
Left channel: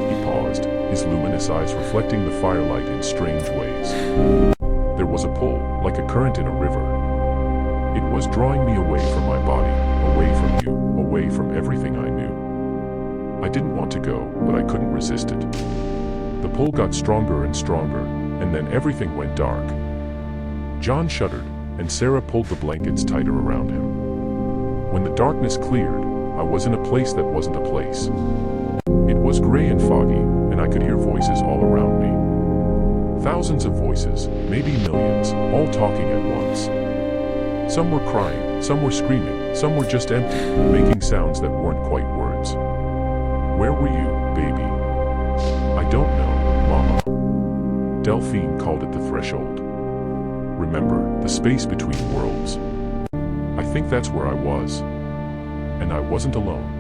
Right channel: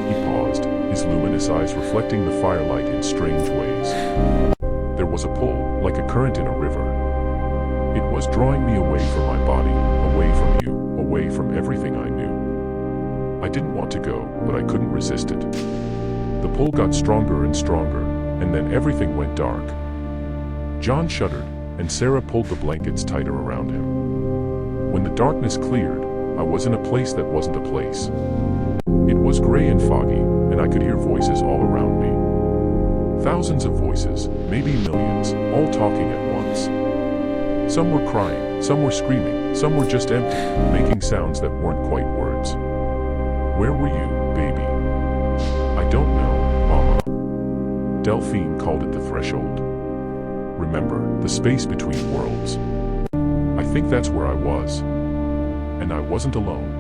He paused, his luminous eyes reflecting the firelight in strange ways. There was a pull, like a current in a river. It was drawing me away from my body, away from you, away from everything I knew. I didn't want to go, but I couldn't resist it. The pull got stronger and stronger, and then everything went dark. John shuddered, and Sarah pulled the blankets tighter around him. When the darkness cleared, I was in a place that wasn't a place. It was gray and foggy, and I could hear voices all around me. Thousands of voices, maybe millions, all talking at once. Some were crying, some were screaming, some were just empty, making sounds that weren't quite words. Where were you, baby? I don't know, Mama. Delphine called it the threshold. Remember, the space between worlds. I think that's where I was. And I wasn't alone.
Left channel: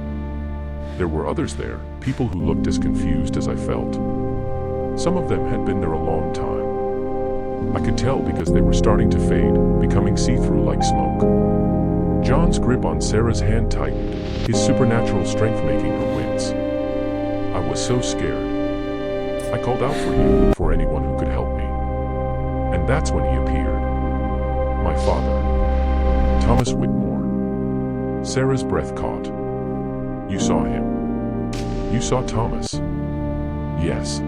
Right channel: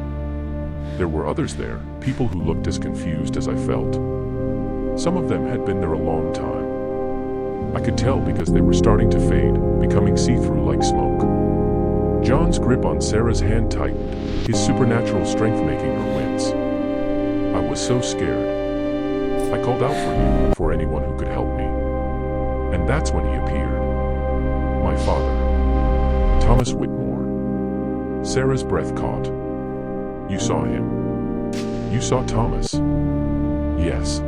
There were others there, people who looked as confused as I felt. Some of them had been there a long time. I could tell because they were starting to fade, becoming see-through like smoke. John's grip on Sarah's hand tightened, his supernatural strength making her wince. I was so scared. I called out for you, for anyone who could help me. And that's when he appeared. My father. Thomas Whitmore. Sarah's breath caught. You saw him. You saw Thomas. Yes.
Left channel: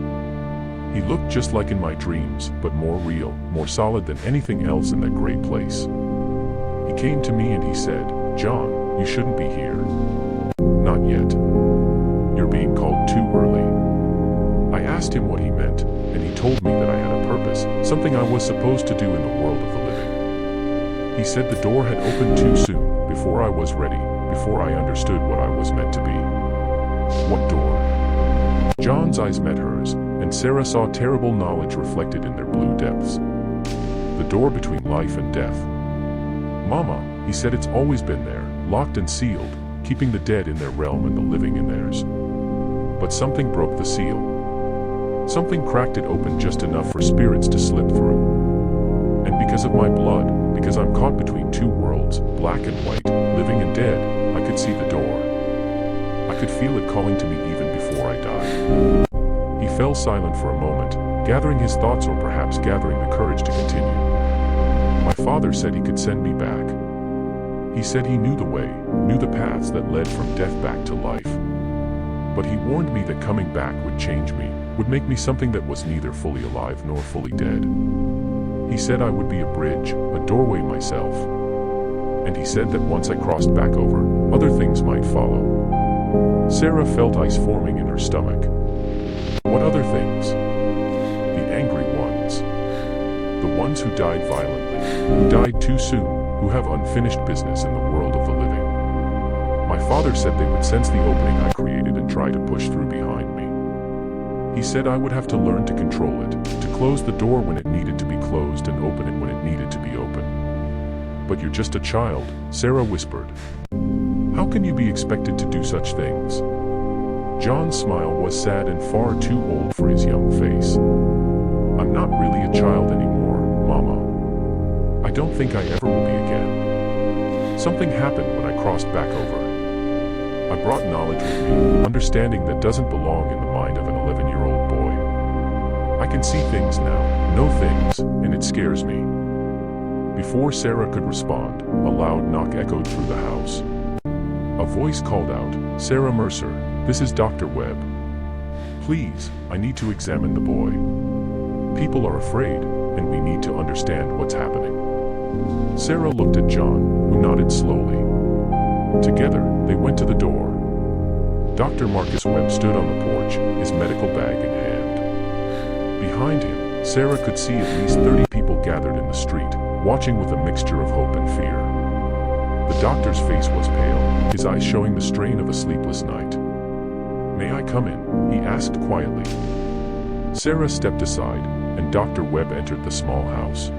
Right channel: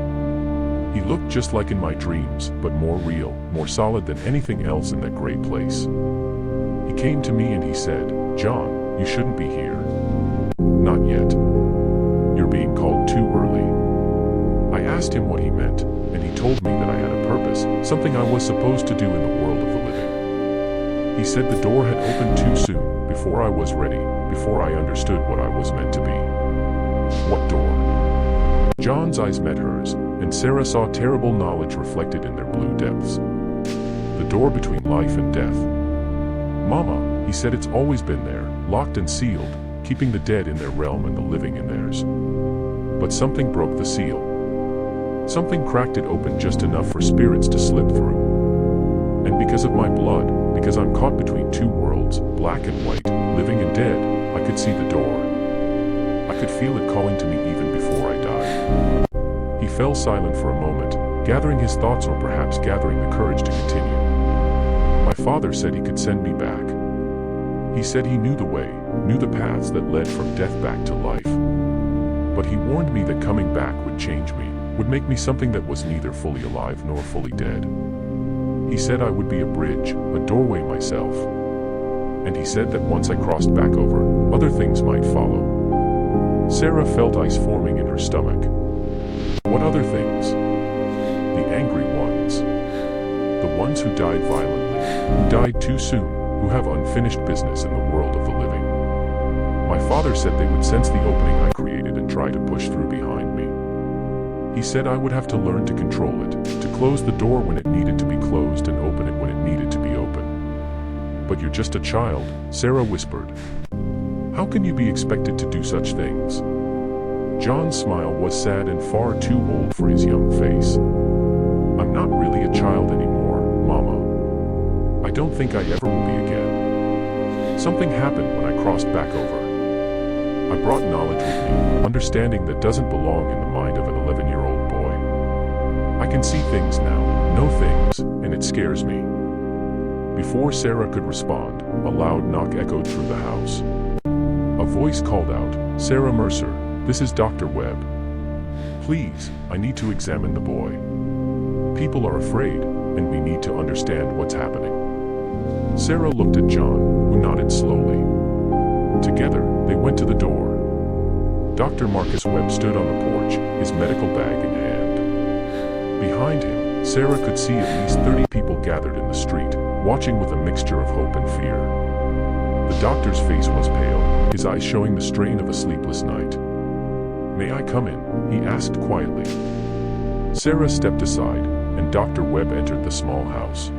He looked just like in my dreams, but more real, more solid than anything else in that gray place. He came to me and he said, John, you shouldn't be here. Not yet. You're being called too early. I asked him what he meant, and he told me that I had a purpose, something I was supposed to do in the world of the living. He said the door had opened too soon, before I was ready, before I understood what I was meant to be. What door? John's eyes met hers, and Sarah saw terrible knowledge reflected in their blue depths. The door between life and death. Mama, he said, it's always been there, locked and sealed, keeping the dead in their realm and the living in theirs. But something broke the seal. Something cracked it open just enough for spirits to slip through. And because of my blood, because I'm caught between two worlds, black and white, living and dead, I could see the door. I could feel it calling to me even before I died. He fell silent for a moment, gathering his thoughts or perhaps gathering the courage to continue. My father said he could send me back. He said he knew the way, knew the paths that led from death back to life. But he warned me that coming back would change me, would make me something that was neither fully alive nor fully dead. He said I would be a bridge, a doorway myself. And he said that once I crossed back over, other things might follow. Sarah felt ice forming in her stomach. What other things? The angry ones. The ones who died violently, who died too soon, who have unfinished business in the world of the living. My father said they would sense the opening I created and try to push through behind me. He said I would have to learn to control it, to close the door when it needed to be closed and open it when it needed to be open. But you're just a child, Sarah whispered. How can you be expected to do such things? John's smile was sad and far too old for his young face. I'm not really a child anymore, Mama. I don't think I ever will be again. Something happened when I crossed back over. I brought knowledge with me, understanding that doesn't belong in the mind of an 11-year-old boy. I can see things now, know things, and it scares me. Before Sarah could respond, a loud knock echoed through the house. A voice called out, Sarah Mercer, this is Dr. Webb. Please, I need to examine the boy. People are afraid, and we need to understand what's happening. Sarah looked at John, who nodded slowly. Together, they went to the door. Dr. Marcus Webb stood on the porch, his medical bag in hand. Behind him, Sarah could see at least 30 people gathered in the street, watching with a mixture of hope and fear. The doctor's face was pale, his eyes showing the strain of a sleepless night. May I come in? He asked quietly. Sarah stepped aside, and Dr. Webb entered the small house.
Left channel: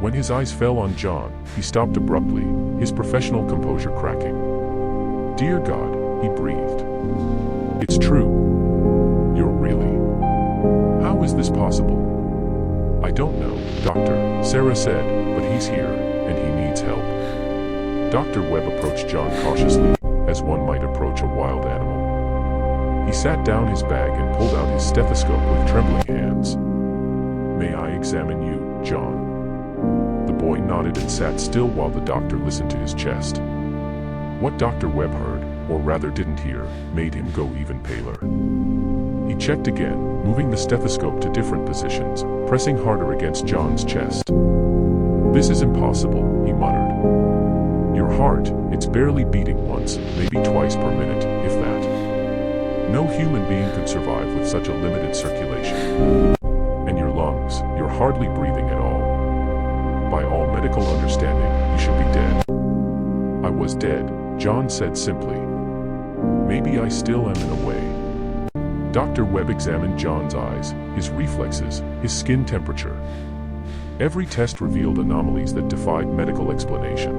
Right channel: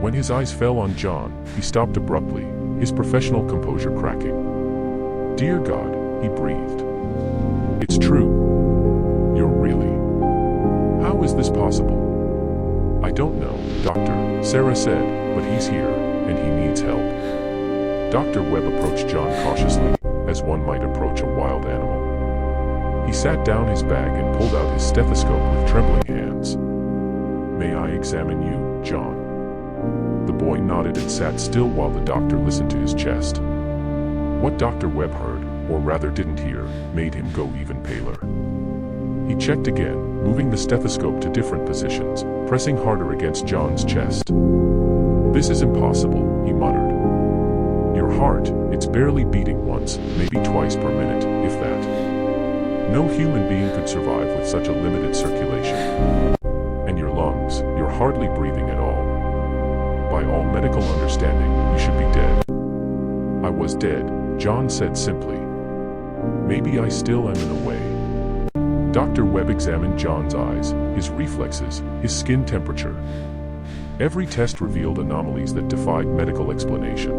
When his eyes fell on John, he stopped abruptly, his professional composure cracking. Dear God, he breathed. It's true. You're really. How is this possible? I don't know, Doctor, Sarah said, but he's here, and he needs help. Dr. Webb approached John cautiously, as one might approach a wild animal. He sat down his bag and pulled out his stethoscope with trembling hands. May I examine you, John? The boy nodded and sat still while the doctor listened to his chest. What Dr. Webb heard, or rather didn't hear, made him go even paler. He checked again, moving the stethoscope to different positions, pressing harder against John's chest. "This is impossible," he muttered. "Your heart, it's barely beating once, maybe twice per minute, if that. No human being could survive with such a limited circulation. And your lungs, you're hardly breathing at all. By all medical understanding, you should be dead." "I was dead," John said simply. "Maybe I still am in a way." Dr. Webb examined John's eyes, his reflexes, his skin temperature. Every test revealed anomalies that defied medical explanation.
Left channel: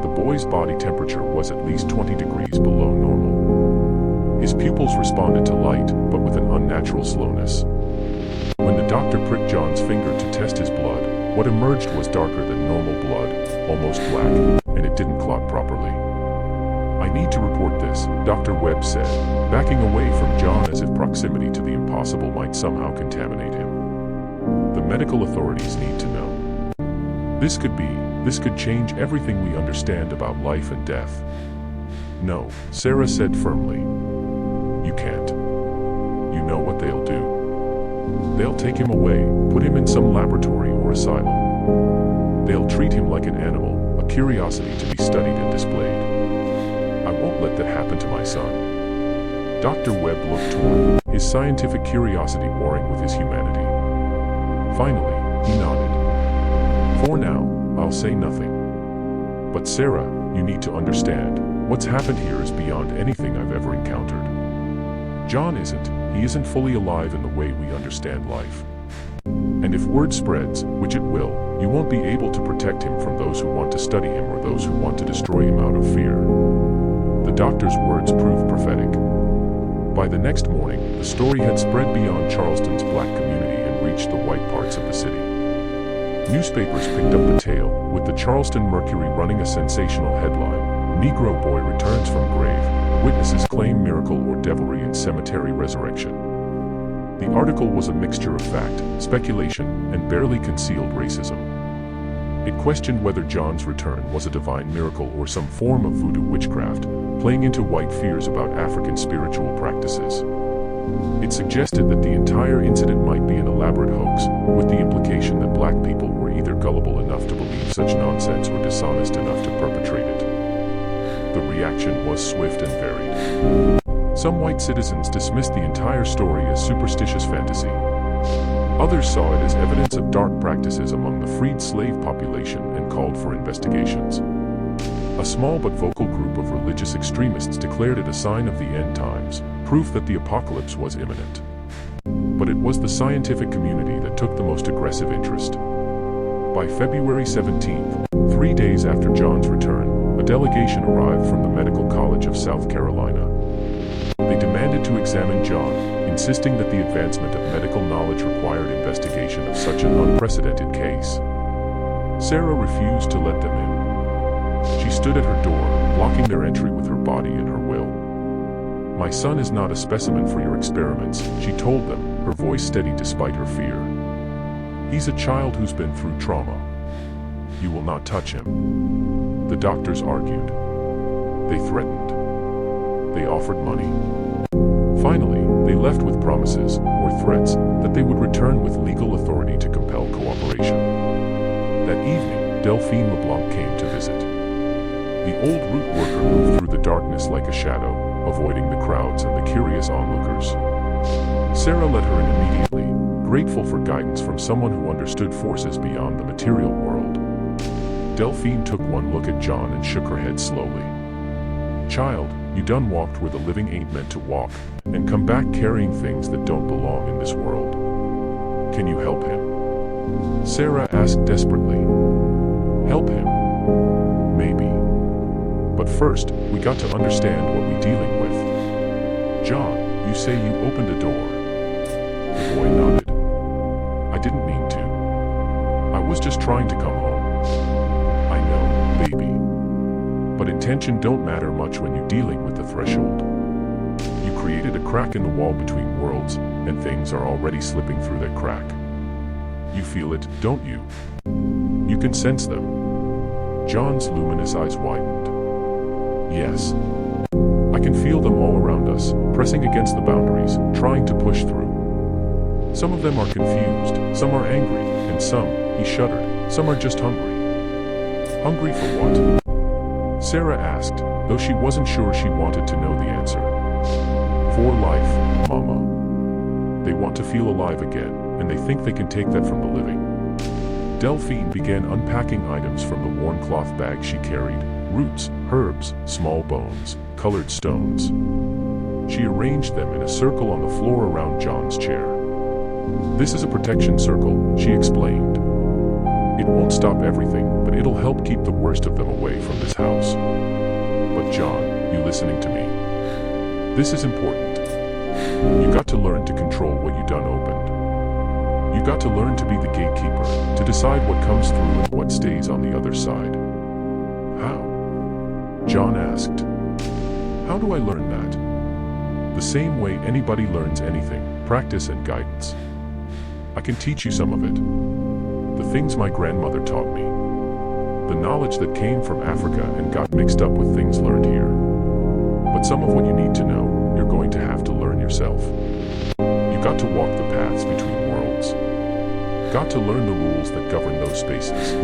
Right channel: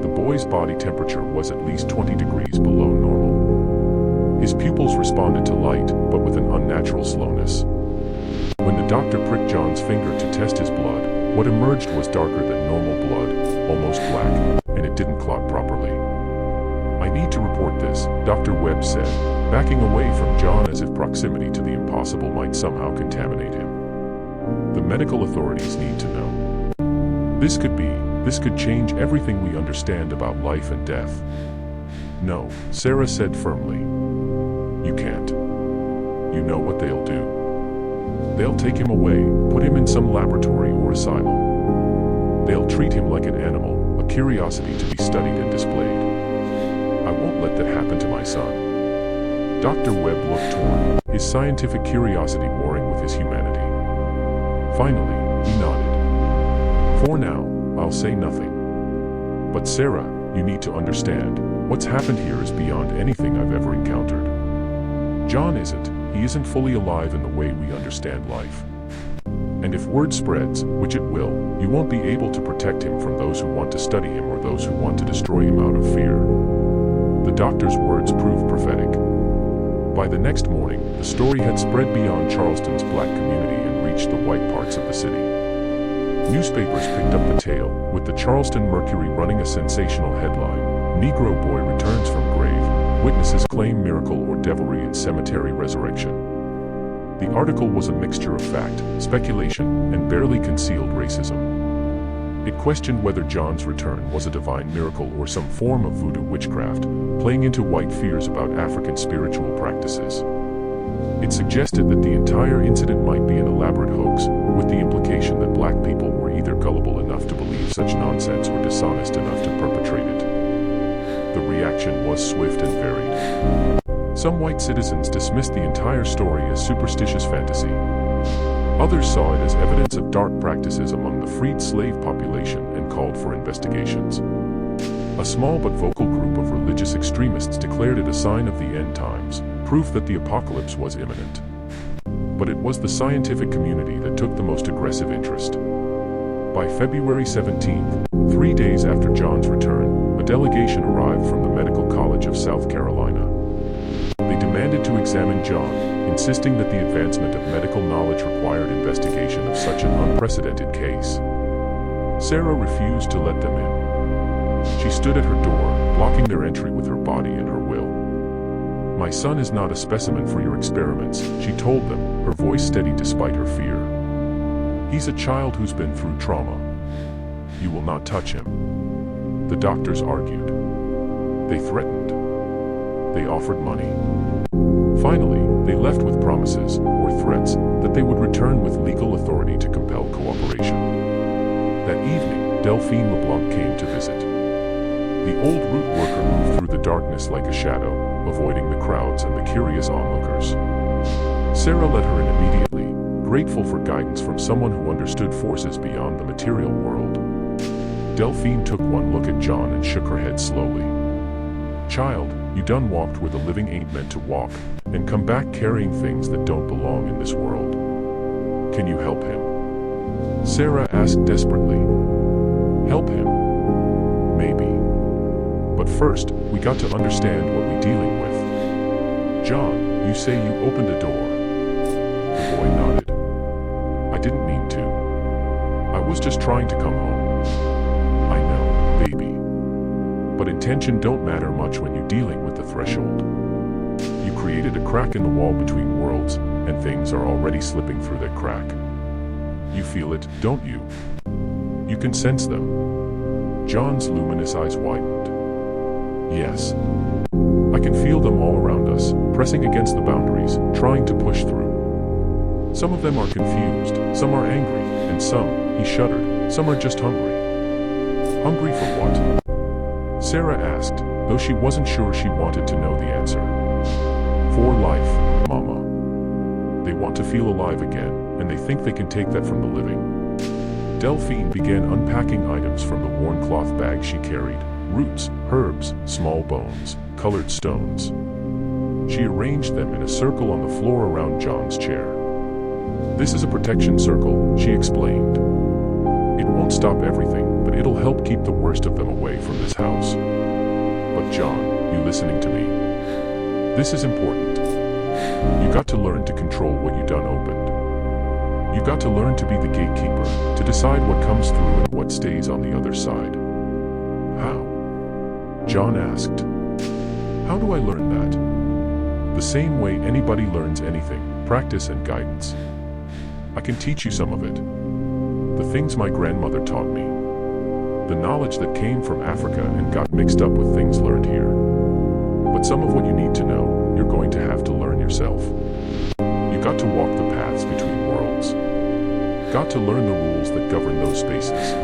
The boy's body temperature was at least 20 degrees below normal. His pupils responded to light, but with an unnatural slowness. When the doctor pricked John's finger to test his blood, what emerged was darker than normal blood, almost black, and it didn't clot properly. "I need to report this," Dr. Webb said, backing away from John as if proximity to the impossible might somehow contaminate him. "The medical authorities need to know. This could change everything we understand about life and death." "No," Sarah said firmly. "You can't. You know what they'll do. They'll take him away, put him in some laboratory or asylum. They'll treat him like an animal, a curiosity to be studied and displayed. I won't let that happen to my son." Dr. Webb looked torn, his scientific curiosity warring with his humanity. Finally, he nodded. "For now, I'll say nothing. But Sarah, you need to understand, what's happened here is beyond anything I've ever encountered. John isn't. He isn't fully alive in the way we understand life. And if word spreads, which it will, you won't be able to protect him from those who want to study him or those who want to destroy him out of fear." The doctor's words proved prophetic. By the next morning, the story had spread beyond Charleston's black community and reached the white parts of the city. Newspapers picked up the tale, with the Charleston Mercury running a sensational headline: "Negro Boy Returns from Grave. Witnesses Claim Miracle or Devilry in Cemetery Resurrection." The article was a mixture of fact, speculation, and barely concealed racism. It questioned whether John's return was a divine miracle or some form of voodoo witchcraft, playing into white fears about African spiritual practices. It suggested that the entire incident might be an elaborate hoax, with the implication that black people were either gullible enough to believe such nonsense or dishonest enough to perpetrate it. The reaction was swift and varied. Some white citizens dismissed the entire story as superstitious fantasy. Others saw it as evidence of dark practices among the freed slave population and called for investigations. A small but vocal group of religious extremists declared it a sign of the end times, proof that the apocalypse was imminent. But it was the scientific community that took the most aggressive interest. By February 17th, 3 days after John's return, a delegation arrived from the Medical College of South Carolina. They demanded to examine John, insisting that the advancement of medical knowledge required investigation of such an unprecedented case. Sarah refused to let them in. She stood at her door, blocking their entry with her body and her will. "My son is not a specimen for your experiments," she told them, her voice steady despite her fear. "He's a child who's been through trauma. You will not touch him." The doctors argued. They threatened. They offered money. Finally, they left with promises, or threats, that they would return with legal authority to compel cooperation. That evening, Delphine LeBlanc came to visit. The old root worker moved through the darkness like a shadow, avoiding the crowds and the curious onlookers. Sarah let her in immediately, grateful for guidance from someone who understood forces beyond the material world. Delphine took one look at John and shook her head slowly. "Child, you done walked where the living ain't meant to walk, and come back carrying things that don't belong in this world. Can you help him?" Sarah asked desperately. "Help him? Maybe. But first, we got to understand what we're dealing with. John, you say you opened a door." The boy nodded. "I didn't mean to. I was just trying to come home." "I know, baby. But intention don't matter much when you're dealing with the threshold. You created a crack in the wall between worlds, and things are already slipping through that crack. You feel it, don't you? You can sense them." John's luminous eyes widened. "Yes. I can feel them all around us, pressing against the boundaries, trying to push through. Some of them are confused, some are angry, and some," he shuddered, Some are just hungry. Hungry for what? Sarah asked, though she wasn't sure she wanted to know the answer. For life, Mama. They want to feel alive again, and they think they can take that from the living. Delphine began unpacking items from the worn cloth bag she carried: roots, herbs, small bones, colored stones. She arranged them in a circle on the floor around John's chair. "This is a protection circle," she explained. "It won't stop everything, but it'll help keep the worst of them away from this house." "But John, you listening to me? This is important. You got to learn to control what you done opened. You got to learn to be the gatekeeper, to decide what comes through and what stays on the other side." "How?" John asked. "How do I learn that?" "The same way anybody learns anything: practice and guidance. I can teach you some of it. The things my grandmother taught me. The knowledge that came from Africa and got mixed up with things learned here. But some of what you need to know, you're going to have to learn yourself. You got to walk the paths between worlds. Got to learn the rules that govern those spaces."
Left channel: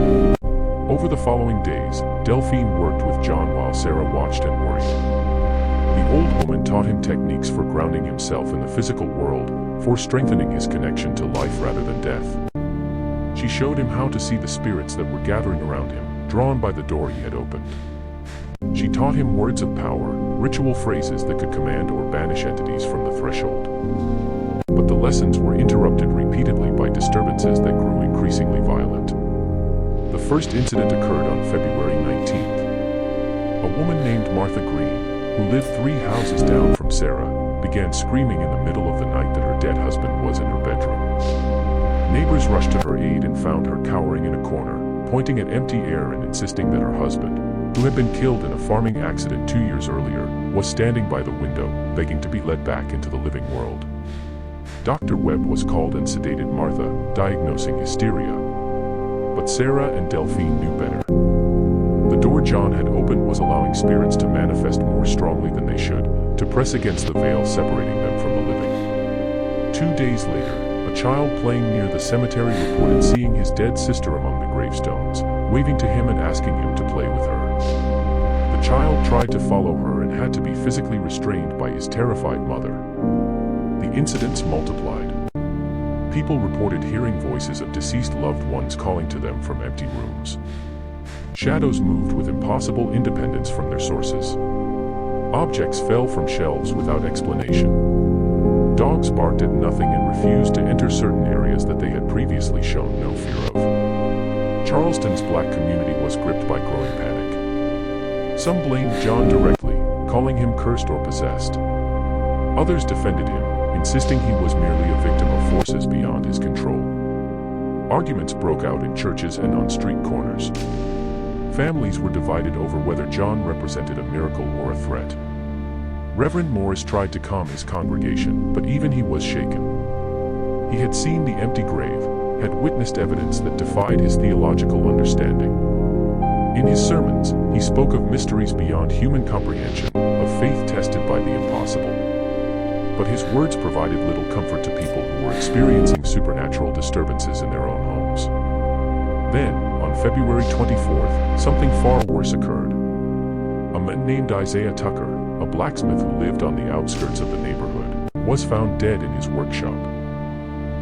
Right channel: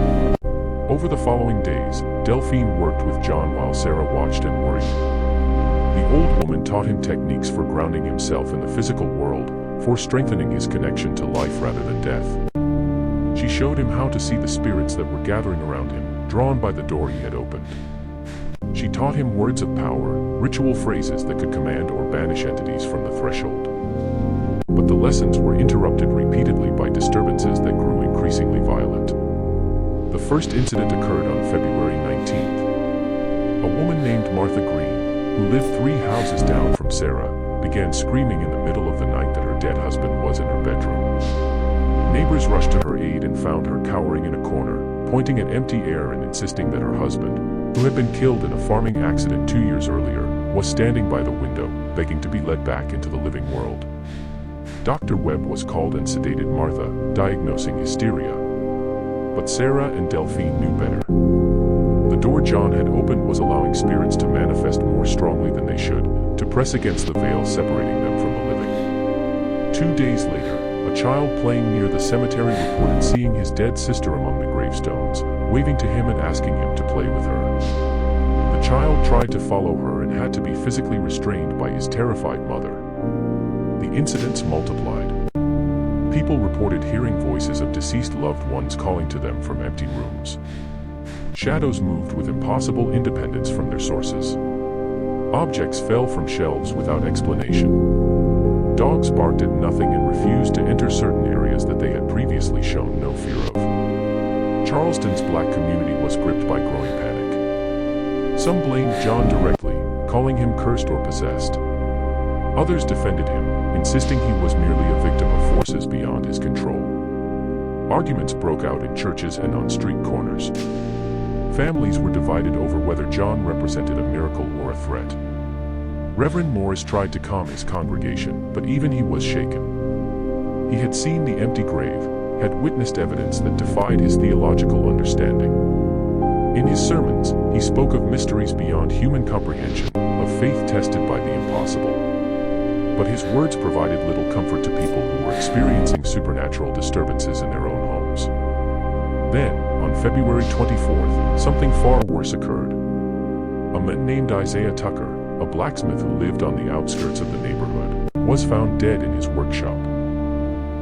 Over the following days, Delphine worked with John while Sarah watched and worried. The old woman taught him techniques for grounding himself in the physical world, for strengthening his connection to life rather than death. She showed him how to see the spirits that were gathering around him, drawn by the door he had opened. She taught him words of power, ritual phrases that could command or banish entities from the threshold. But the lessons were interrupted repeatedly by disturbances that grew increasingly violent. The first incident occurred on February 19th. A woman named Martha Green, who lived 3 houses down from Sarah, began screaming in the middle of the night that her dead husband was in her bedroom. Neighbors rushed to her aid and found her cowering in a corner, pointing at empty air and insisting that her husband, who had been killed in a farming accident 2 years earlier, was standing by the window, begging to be let back into the living world. Dr. Webb was called and sedated Martha, diagnosing hysteria. But Sarah and Delphine knew better. The door John had opened was allowing spirits to manifest more strongly than they should, to press against the veil separating them from the living. 2 days later, a child playing near the cemetery reported seeing his dead sister among the gravestones, waving to him and asking him to play with her. The child tried to follow her and had to be physically restrained by his terrified mother. The incidents multiplied. People reported hearing voices of deceased loved ones calling to them from empty rooms. Shadows moved with impossible independence from their sources. Objects fell from shelves without explanation. Dogs barked at nothing and refused to enter certain areas that they had previously shown no fear of. Charleston's black community was gripped by growing panic. Some blamed John directly, calling him cursed or possessed. Others defended him, insisting he was merely a victim of forces beyond his control. Arguments broke out in churches and on street corners. Families were divided over whether John represented a miracle or a threat. Reverend Morris tried to calm his congregation, but even he was shaken. He had seen the empty grave, had witnessed evidence that defied his theological understanding. In his sermons, he spoke of mysteries beyond human comprehension, of faith tested by the impossible. But his words provided little comfort to people who were experiencing supernatural disturbances in their own homes. Then, on February 24th, something far worse occurred. A man named Isaiah Tucker, a blacksmith who lived on the outskirts of the neighborhood, was found dead in his workshop.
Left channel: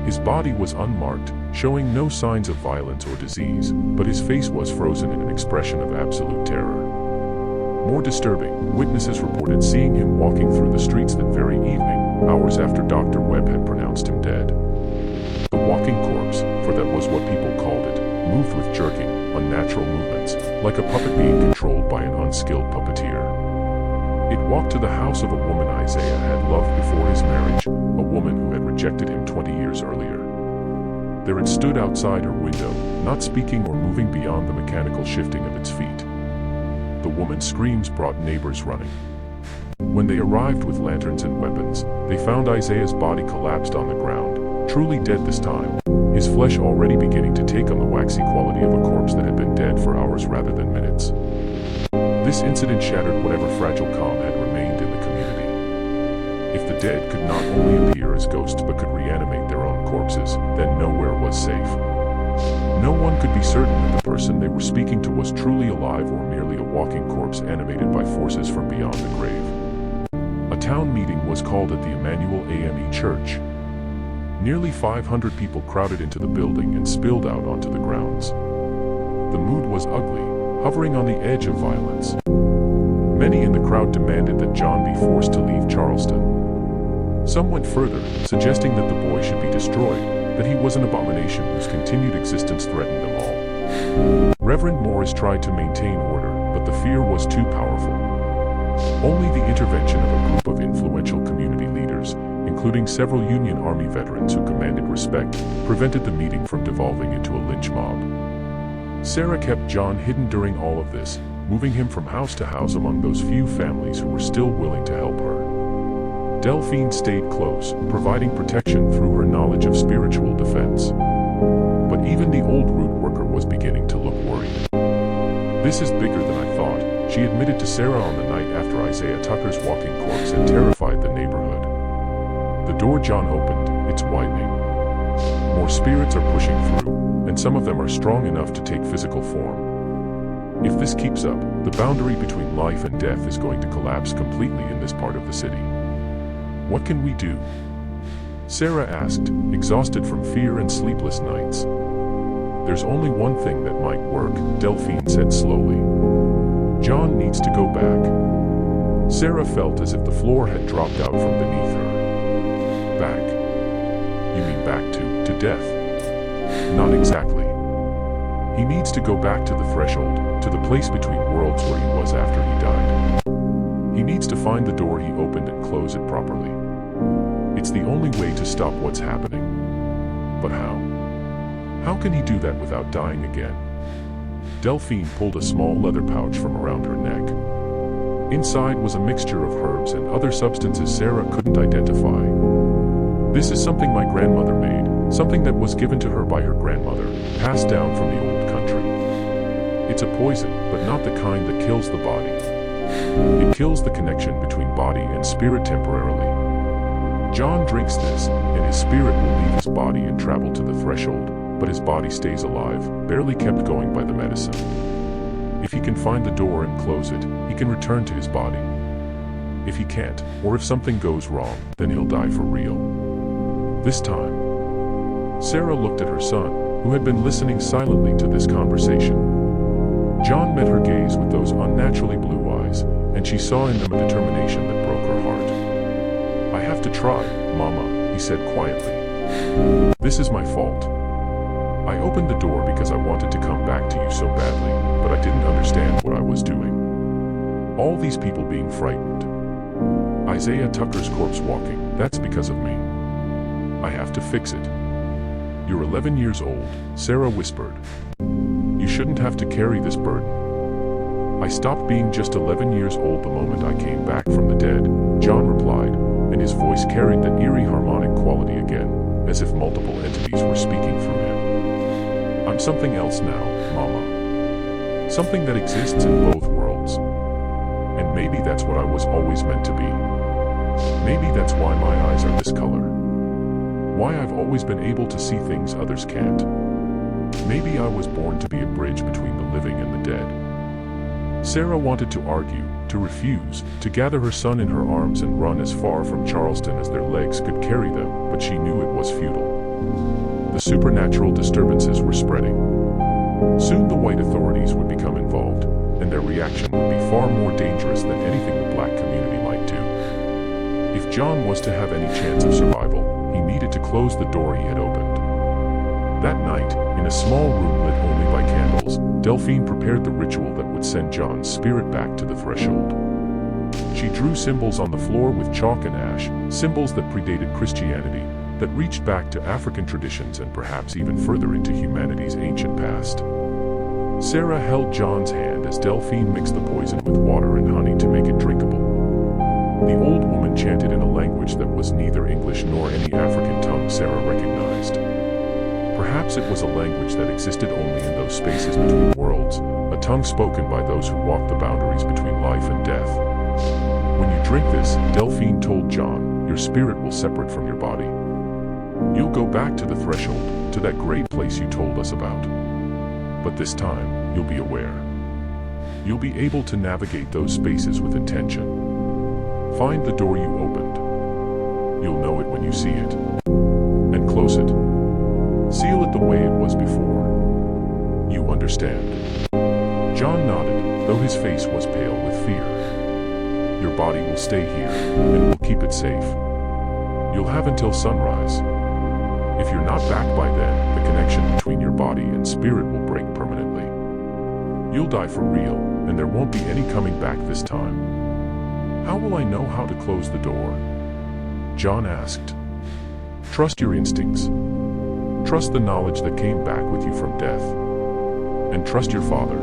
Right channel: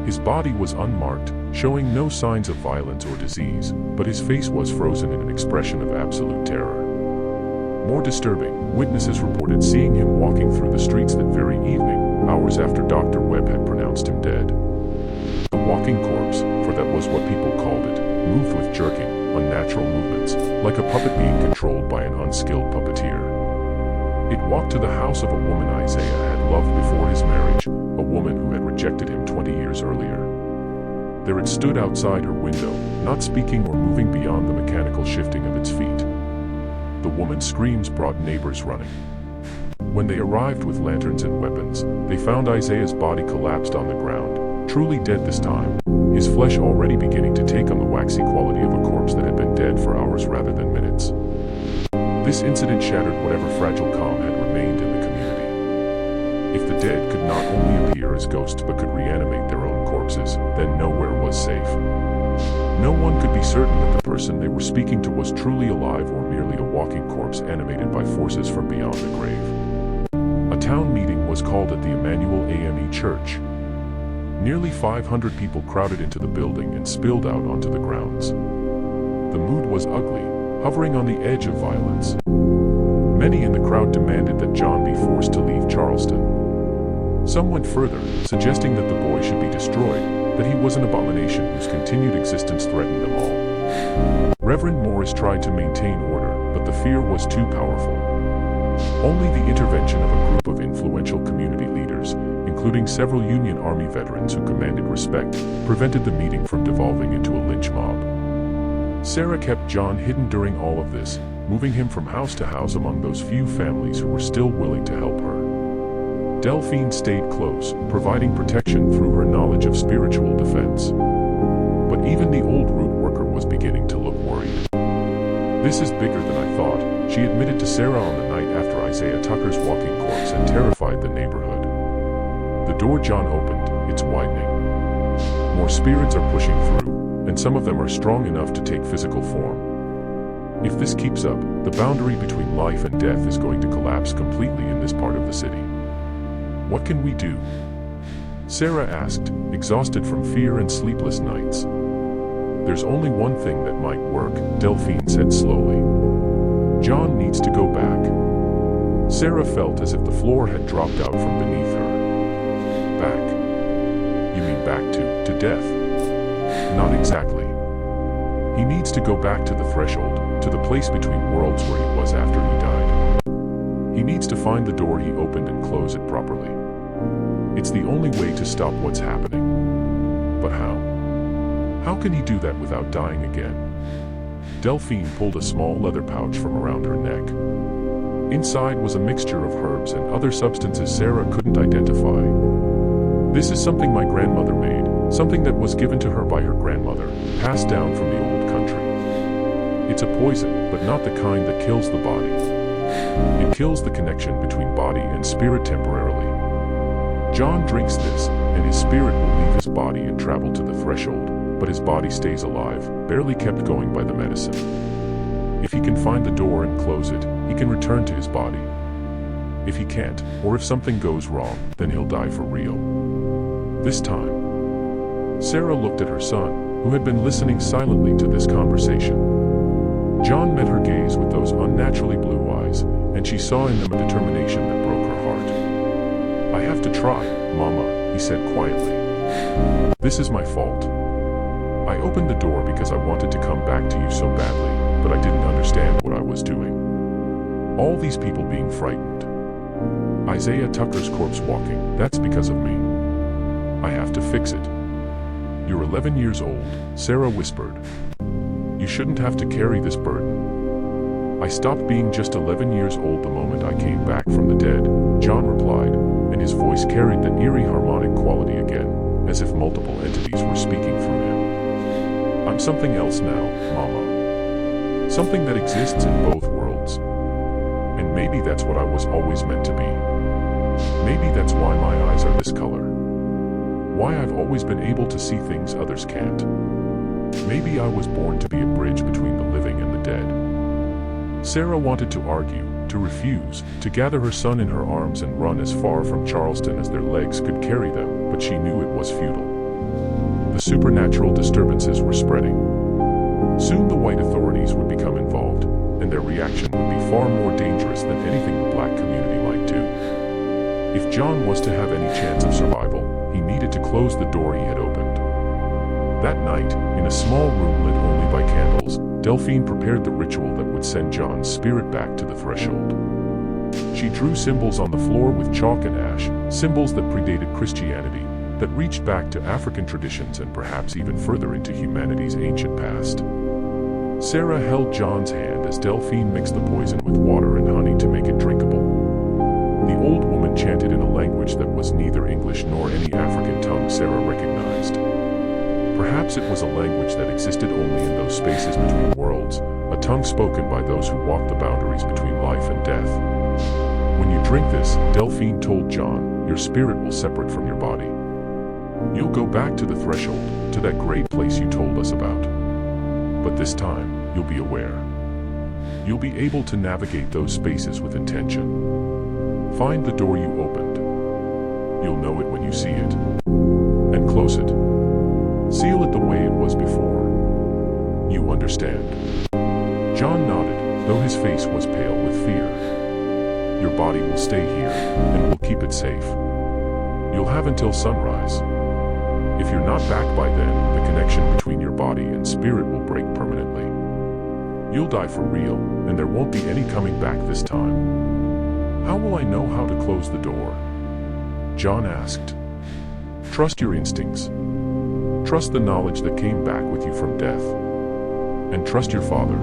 His body was unmarked, showing no signs of violence or disease, but his face was frozen in an expression of absolute terror. More disturbing, witnesses reported seeing him walking through the streets that very evening, hours after Dr. Webb had pronounced him dead. The walking corpse, for that was what people called it, moved with jerking, unnatural movements, like a puppet being controlled by an unskilled puppeteer. It walked to the house of a woman Isaiah had loved before his marriage, a woman who had rejected him 20 years earlier. There it stood outside her window, not speaking or moving beyond the mechanical shifting of its feet. The woman's screams brought neighbors running. When they arrived with lanterns and weapons, they found Isaiah's body collapsed on the ground, truly dead this time, his flesh already beginning to take on the waxy quality of a corpse that had been dead for hours rather than minutes. This incident shattered whatever fragile calm had remained in the community. If the dead could not only appear as ghosts but could reanimate their own corpses, then nowhere was safe. No one could be certain that the person they were speaking to was truly alive or merely a walking corpse animated by forces from beyond the grave. A town meeting was called at the Emmanuel AME Church. Nearly 500 people crowded into the building and spilled out onto the grounds. The mood was ugly, hovering on the edge of violence. Many in the crowd demanded that John be forced to leave Charleston. Some went further, suggesting that the boy should be destroyed, that he was an abomination whose continued existence threatened them all. Reverend Morris tried to maintain order, but the fear was too powerful. Only the intervention of a group of influential community leaders, including several Union Army veterans who commanded respect, prevented the meeting from devolving into a lynch mob. Sarah kept John hidden during all of this, moving him from house to house among those few families who were still willing to help her. Delphine stayed close, providing protection through her knowledge of spiritual defense. But even the old root worker was beginning to look worried. "This is bigger than I thought," she admitted to Sarah on the night after Isaiah Tucker's walking corpse had terrified the neighborhood. The door John opened, it's widening. More spirits are pushing through, and some of them are strong enough to take physical form. If this keeps up, the boundary between life and death is going to collapse completely in this part of the city. "What can we do?" Sarah asked, exhausted from fear and sleepless nights. "There's only one thing that might work," Delphine said slowly. "John needs to go back." Sarah felt as if the floor had dropped out from beneath her. "Back? You mean back to death?" "Not exactly. He needs to go back to the threshold, to the place between worlds where he was after he died. He needs to find the door he opened and close it properly. It's the only way to stop what's happening." "But how? How can he do that without dying again?" Delphine pulled a small leather pouch from around her neck. Inside was a mixture of herbs and other substances Sarah couldn't identify. "This is something my grandmother made, something that was given to her by her grandmother, passed down from the old country. It's a poison, but not the kind that kills the body. It kills the connection between body and spirit temporarily. John drinks this, and his spirit will leave his body and travel to the threshold, but his body stays alive, barely kept going by the medicine. If he can find the door and close it, he can return to his body. If he can't, or if something goes wrong, then he'll die for real. This time." Sarah looked at her son, who had been listening silently to this conversation. John met her gaze with those unnaturally blue eyes, and she saw in them a determination that broke her heart. "I have to try, Mama," he said quietly. "This is my fault. I opened the door because I wanted to come back to you so badly, but I didn't understand what I was doing. All these people being frightened. Isaiah Tucker's corpse walking, that's because of me. I have to fix it." "You're 11 years old," Sarah whispered. "You shouldn't have to carry this burden." "I stopped being just 11 years old the moment I came back from the dead," John replied, and his voice carried the eerie harmonic quality again, as if multiple entities were speaking through him. "I'm something else now, Mama. Something that exists in both worlds. And maybe that's what I was always meant to be. Maybe that's why my eyes are this color. Why I've always been able to see things others can't. Maybe I was born to be a bridge between the living and the dead." Sarah wanted to argue, to refuse, to gather her son in her arms and run as far from Charleston as their legs could carry them, but she knew it was futile. The supernatural disturbances were spreading. Soon the white authorities would become involved, and their reaction would be far more dangerous than anything the black community might do. If John was to have any chance of survival, he needed to close the door he had opened. That night, in a small room lit only by candles, Delphine prepared the ritual that would send John's spirit back to the threshold. She drew symbols on the floor with chalk and ash, symbols that predated Christianity, that reached back to African traditions and perhaps even further into humanity's ancient past. Sarah held John's hand as Delphine mixed the poison with water and honey to make it drinkable. The old woman chanted in a language that was neither English nor any African tongue Sarah recognized. Perhaps it was a language that existed only in those spaces between worlds, a tongue spoken by those who walked the boundaries between life and death. "When you drink this," Delphine told John, "your spirit will separate from your body. You'll go back to the threshold, to that great place you told us about. But this time, you'll be aware. You'll be able to navigate those spaces with intention. Find the door you opened. You'll know it when you see it. And close it. Seal it the way it was before. You understand. John nodded, though his face was pale with fear. Your body will stay here, and we'll keep it safe. You'll have until sunrise. If you're not back by then, the connection between your body and spirit will break permanently. You'll die for real, and there won't be any coming back this time. How will I know how to close the door? John asked. Trust your instincts. Trust the knowledge that came back with you from death. And trust your father.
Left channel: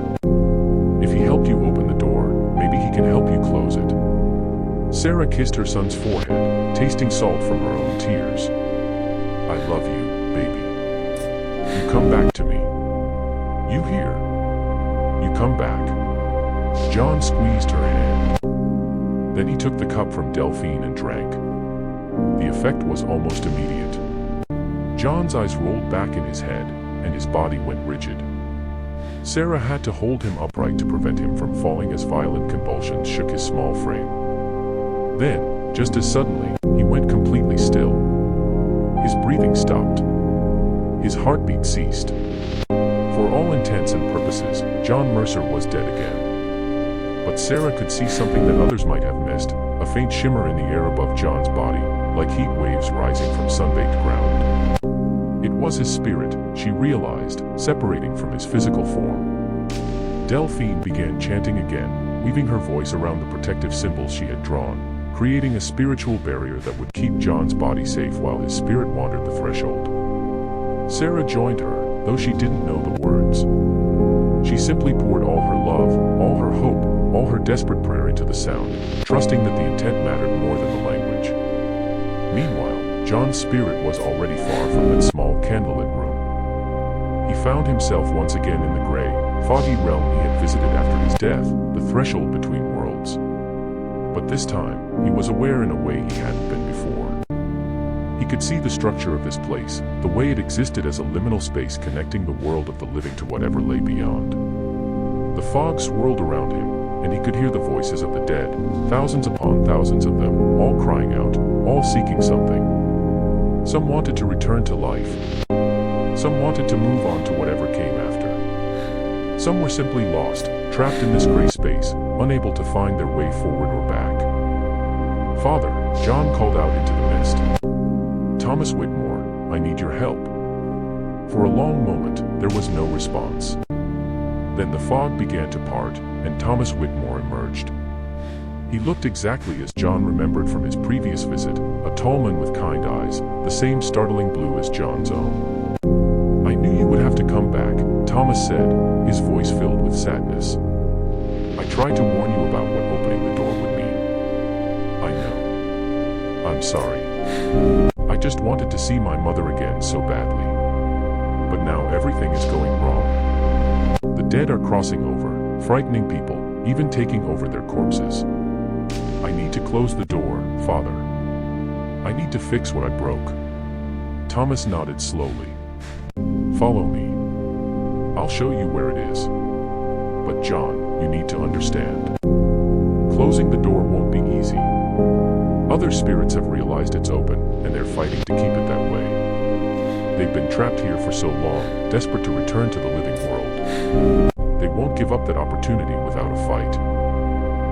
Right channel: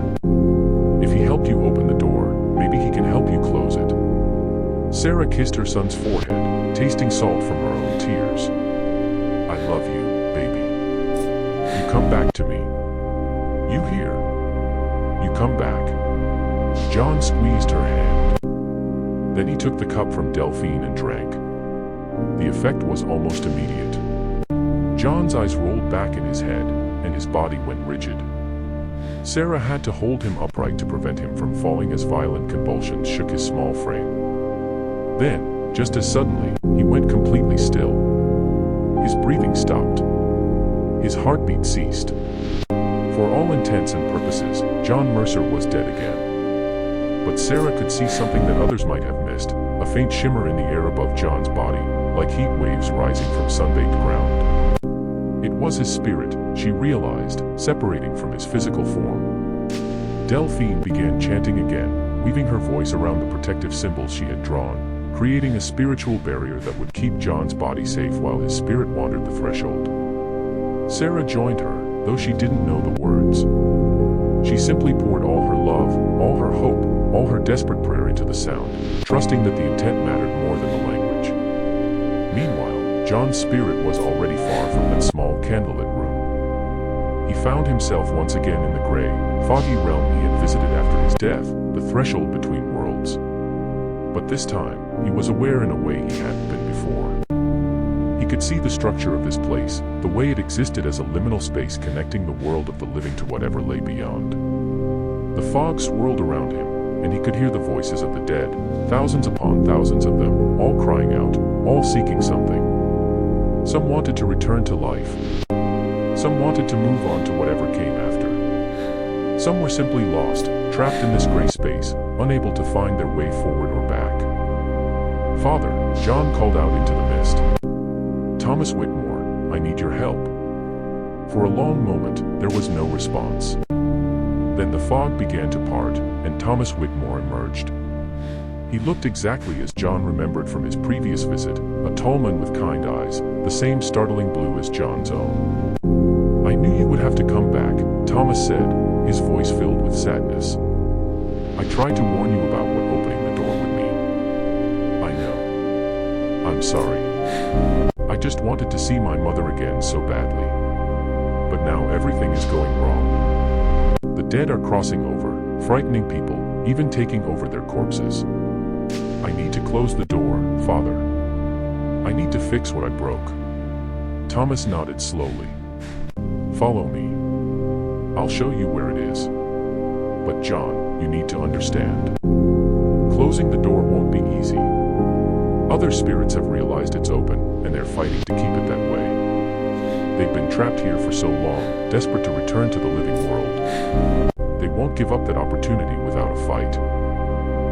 If he helped you open the door, maybe he can help you close it. Sarah kissed her son's forehead, tasting salt from her own tears. I love you, baby. You come back to me. You hear? You come back. John squeezed her hand. Then he took the cup from Delphine and drank. The effect was almost immediate. John's eyes rolled back in his head, and his body went rigid. Sarah had to hold him upright to prevent him from falling as violent convulsions shook his small frame. Then, just as suddenly, he went completely still. His breathing stopped. His heartbeat ceased. For all intents and purposes, John Mercer was dead again. But Sarah could see something that others might have missed, a faint shimmer in the air above John's body, like heat waves rising from sun-baked ground. It was his spirit, she realized, separating from his physical form. Delphine began chanting again, weaving her voice around the protective symbols she had drawn, creating a spiritual barrier that would keep John's body safe while his spirit wandered the threshold. Sarah joined her, though she didn't know the words. She simply poured all her love, all her hope, all her desperate prayer into the sound, trusting that the intent mattered more than the language. Meanwhile, John's spirit was already far from that small candlelit room. He found himself once again in the gray, foggy realm he had visited after his death, the threshold between worlds. But this time, he was aware in a way he hadn't been before. He could see the structure of this place, the way it existed as a liminal space connecting the world of the living to whatever lay beyond. The fog swirled around him, and he could hear the voices of the dead, thousands upon thousands of them, all crying out, all seeking something. Some wanted to return to life. Some wanted to move on to whatever came after. Some were simply lost, trapped in this gray space, unable to find their way forward or back. Father, John called out into the mist. Thomas Whitmore, I need your help. For a long moment, there was no response. Then the fog began to part, and Thomas Whitmore emerged. He looked exactly as John remembered from his previous visit, a tall man with kind eyes, the same startling blue as John's own. I knew you would have to come back, Thomas said, his voice filled with sadness. I tried to warn you about what opening the door would mean. I know. I'm sorry. I just wanted to see my mother again so badly. But now everything is going wrong. The dead are crossing over, frightening people, even taking over their corpses. I need to close the door, Father. I need to fix what I broke. Thomas nodded slowly. Follow me. I'll show you where it is. But John, you need to understand. Closing the door won't be easy. Other spirits have realized it's open, and they're fighting to keep it that way. They've been trapped here for so long, desperate to return to the living world. They won't give up that opportunity without a fight.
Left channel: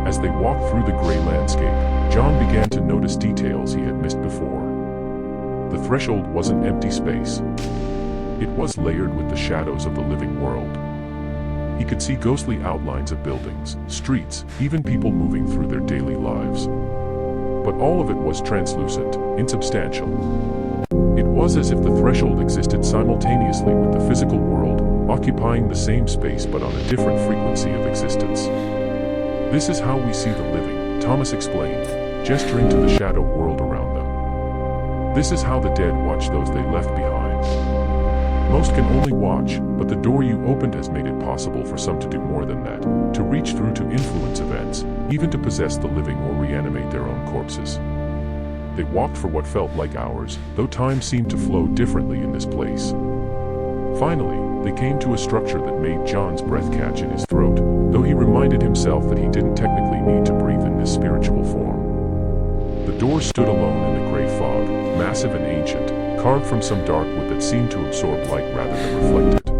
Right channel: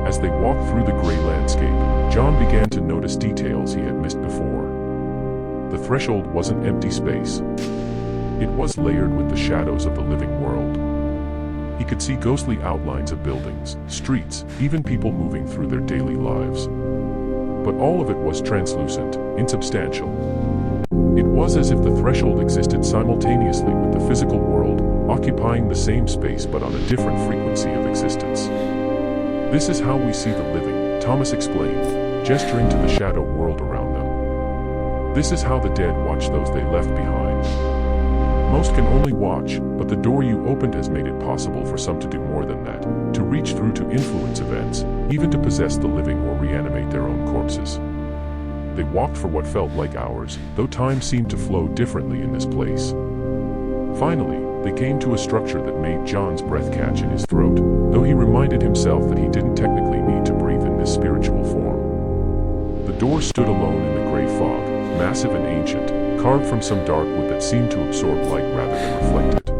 As they walked through the gray landscape, John began to notice details he had missed before. The threshold wasn't empty space. It was layered with the shadows of the living world. He could see ghostly outlines of buildings, streets, even people moving through their daily lives. But all of it was translucent, insubstantial. It was as if the threshold existed simultaneously with the physical world, occupying the same space but on a different frequency of existence. This is how we see the living, Thomas explained, gesturing to the shadow world around them. This is how the dead watch those they left behind. Most can only watch, but the door you opened has made it possible for some to do more than that, to reach through to influence events, even to possess the living or reanimate their own corpses. They walked for what felt like hours, though time seemed to flow differently in this place. Finally, they came to a structure that made John's breath catch in his throat, though he reminded himself that he didn't technically need to breathe in this spiritual form. The door stood alone in the gray fog, massive and ancient, carved from some dark wood that seemed to absorb light rather than reflect it.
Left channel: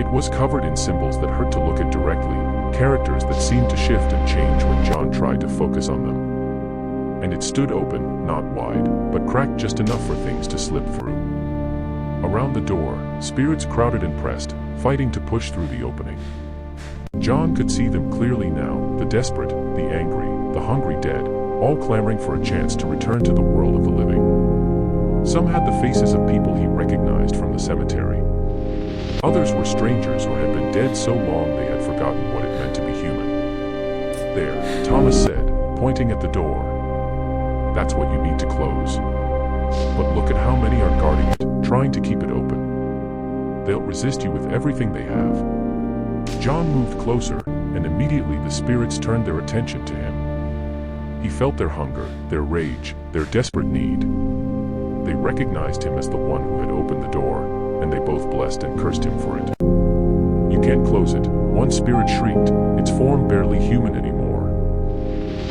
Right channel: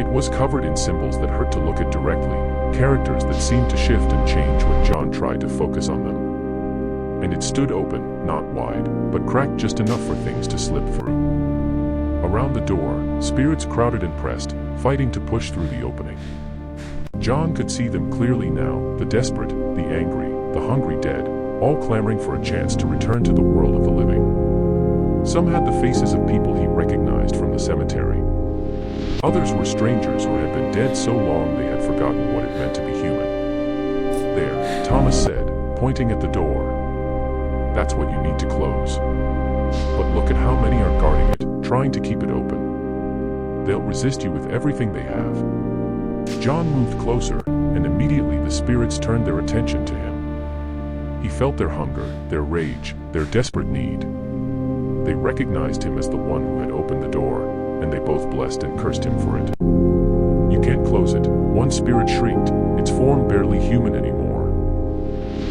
It was covered in symbols that hurt to look at directly, characters that seemed to shift and change when John tried to focus on them. And it stood open, not wide, but cracked just enough for things to slip through. Around the door, spirits crowded and pressed, fighting to push through the opening. John could see them clearly now, the desperate, the angry, the hungry dead, all clamoring for a chance to return to the world of the living. Some had the faces of people he recognized from the cemetery. Others were strangers or had been dead so long they had forgotten what it meant to be human. There, Thomas said, pointing at the door. That's what you need to close. But look at how many are guarding it, trying to keep it open. They'll resist you with everything they have. John moved closer, and immediately the spirits turned their attention to him. He felt their hunger, their rage, their desperate need. They recognized him as the one who had opened the door, and they both blessed and cursed him for it. You can't close it, one spirit shrieked, its form barely human anymore.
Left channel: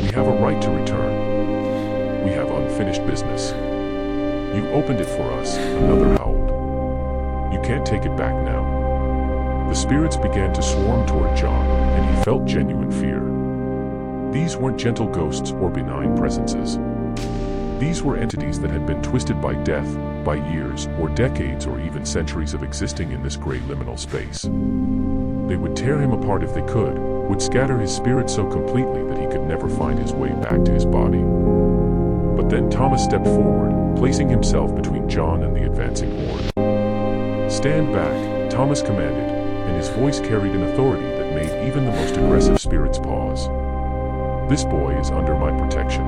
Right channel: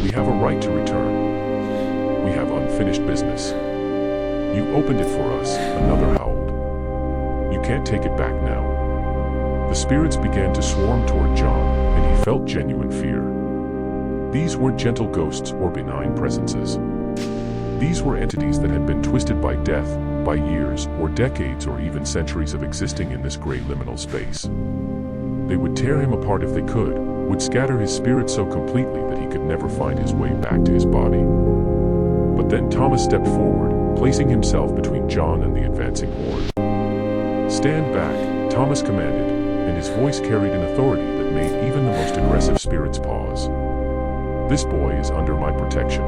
We have a right to return. We have unfinished business. You opened it for us, another howled. You can't take it back now. The spirits began to swarm toward John, and he felt genuine fear. These weren't gentle ghosts or benign presences. These were entities that had been twisted by death, by years or decades or even centuries of existing in this gray liminal space. They would tear him apart if they could, would scatter his spirit so completely that he could never find his way back to his body. But then Thomas stepped forward, placing himself between John and the advancing horde. Stand back, Thomas commanded, and his voice carried an authority that made even the most aggressive spirits pause. This boy is under my protection.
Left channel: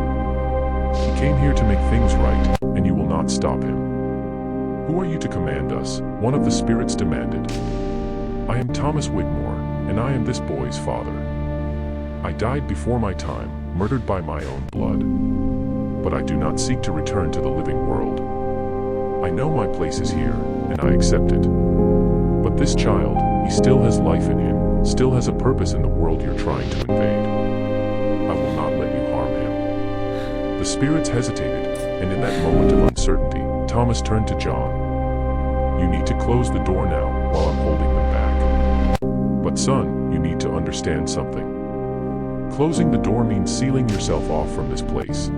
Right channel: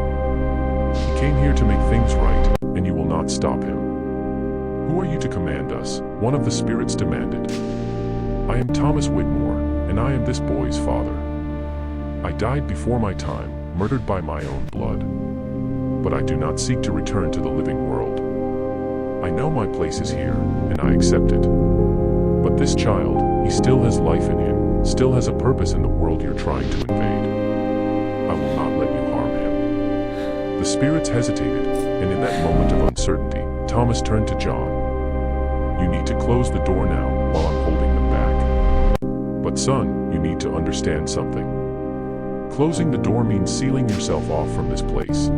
He came here to make things right, and you will not stop him. Who are you to command us? One of the spirits demanded. I am Thomas Wigmore, and I am this boy's father. I died before my time, murdered by my own blood. But I do not seek to return to the living world. I know my place is here, and I accept it. But this child, he still has life in him, still has a purpose in the world you're trying to invade. I will not let you harm him. The spirits hesitated, and in that moment of uncertainty, Thomas turned to John. You need to close the door now, while I'm holding them back. But son, you need to understand something. Closing the door means sealing yourself off from this place.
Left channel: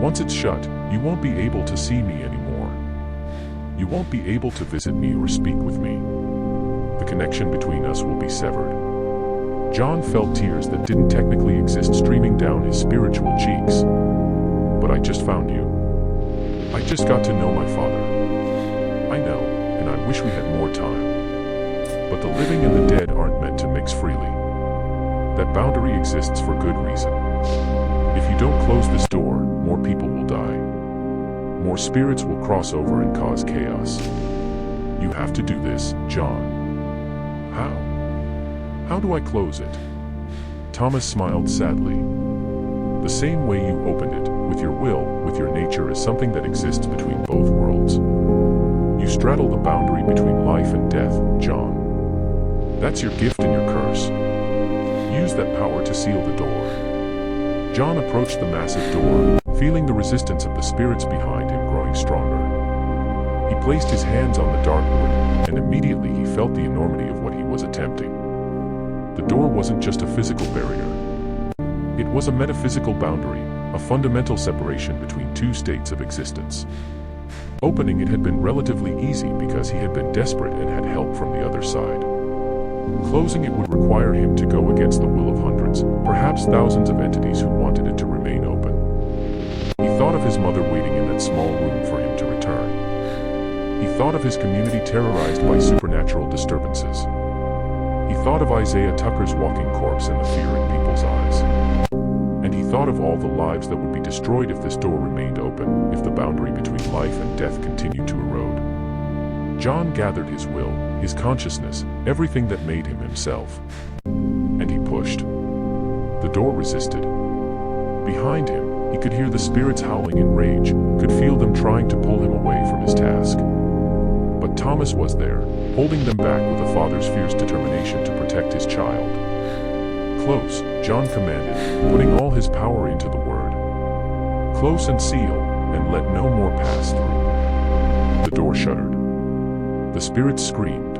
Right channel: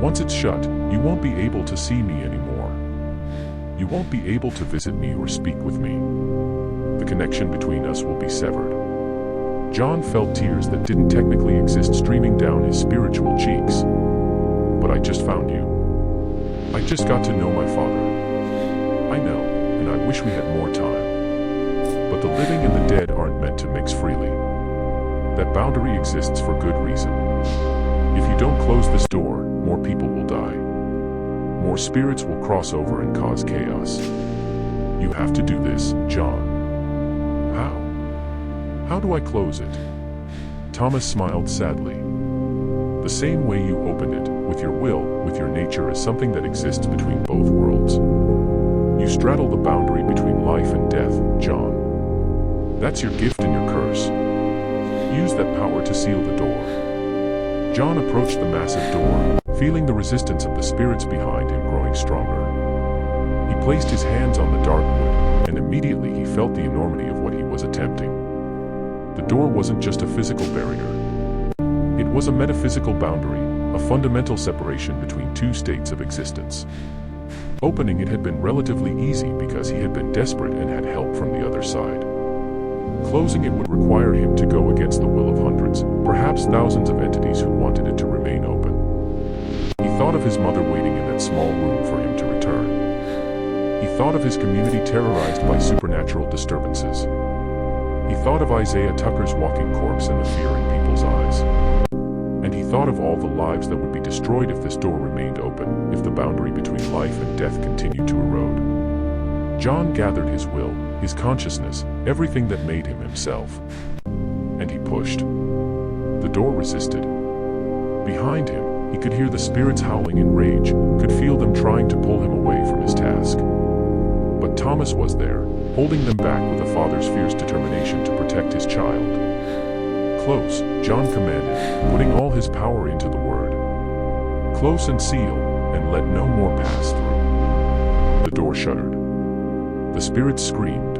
Once it's shut, you won't be able to see me anymore. You won't be able to visit me or speak with me. The connection between us will be severed. John felt tears that didn't technically exist streaming down his spiritual cheeks. But I just found you. I just got to know my father. I know, and I wish we had more time. But the living and the dead aren't meant to mix freely. That boundary exists for good reason. If you don't close this door, more people will die. More spirits will cross over and cause chaos. You have to do this, John. How? How do I close it? Thomas smiled sadly. The same way you opened it, with your will, with your nature as something that exists between both worlds. You straddle the boundary between life and death, John. That's your gift and your curse. Use that power to seal the door. John approached the massive door, feeling the resistance of the spirits behind him growing stronger. He placed his hands on the dark wood, and immediately he felt the enormity of what he was attempting. The door wasn't just a physical barrier. It was a metaphysical boundary, a fundamental separation between two states of existence. Opening it had been relatively easy because he had been desperate and had help from the other side. Closing it would require him to go against the will of hundreds, perhaps thousands of entities who wanted it to remain open. He thought of his mother waiting in that small room for him to return. He thought of his community terrorized by supernatural disturbances. He thought of Isaiah Tucker's walking corpse and the fear in people's eyes. And he thought of all the lives that would be destroyed if this door remained open, if the boundary between life and death continued to erode. John gathered his will, his consciousness, everything that made him himself. And he pushed. The door resisted. Behind him, he could hear the spirits howling in rage, could feel them trying to pull him away from his task. But Thomas was there, holding them back with a father's fierce determination to protect his child. "Close," John commanded, putting all his power into the word. "Close and seal, and let no more pass through." The door shuddered. The spirits screamed.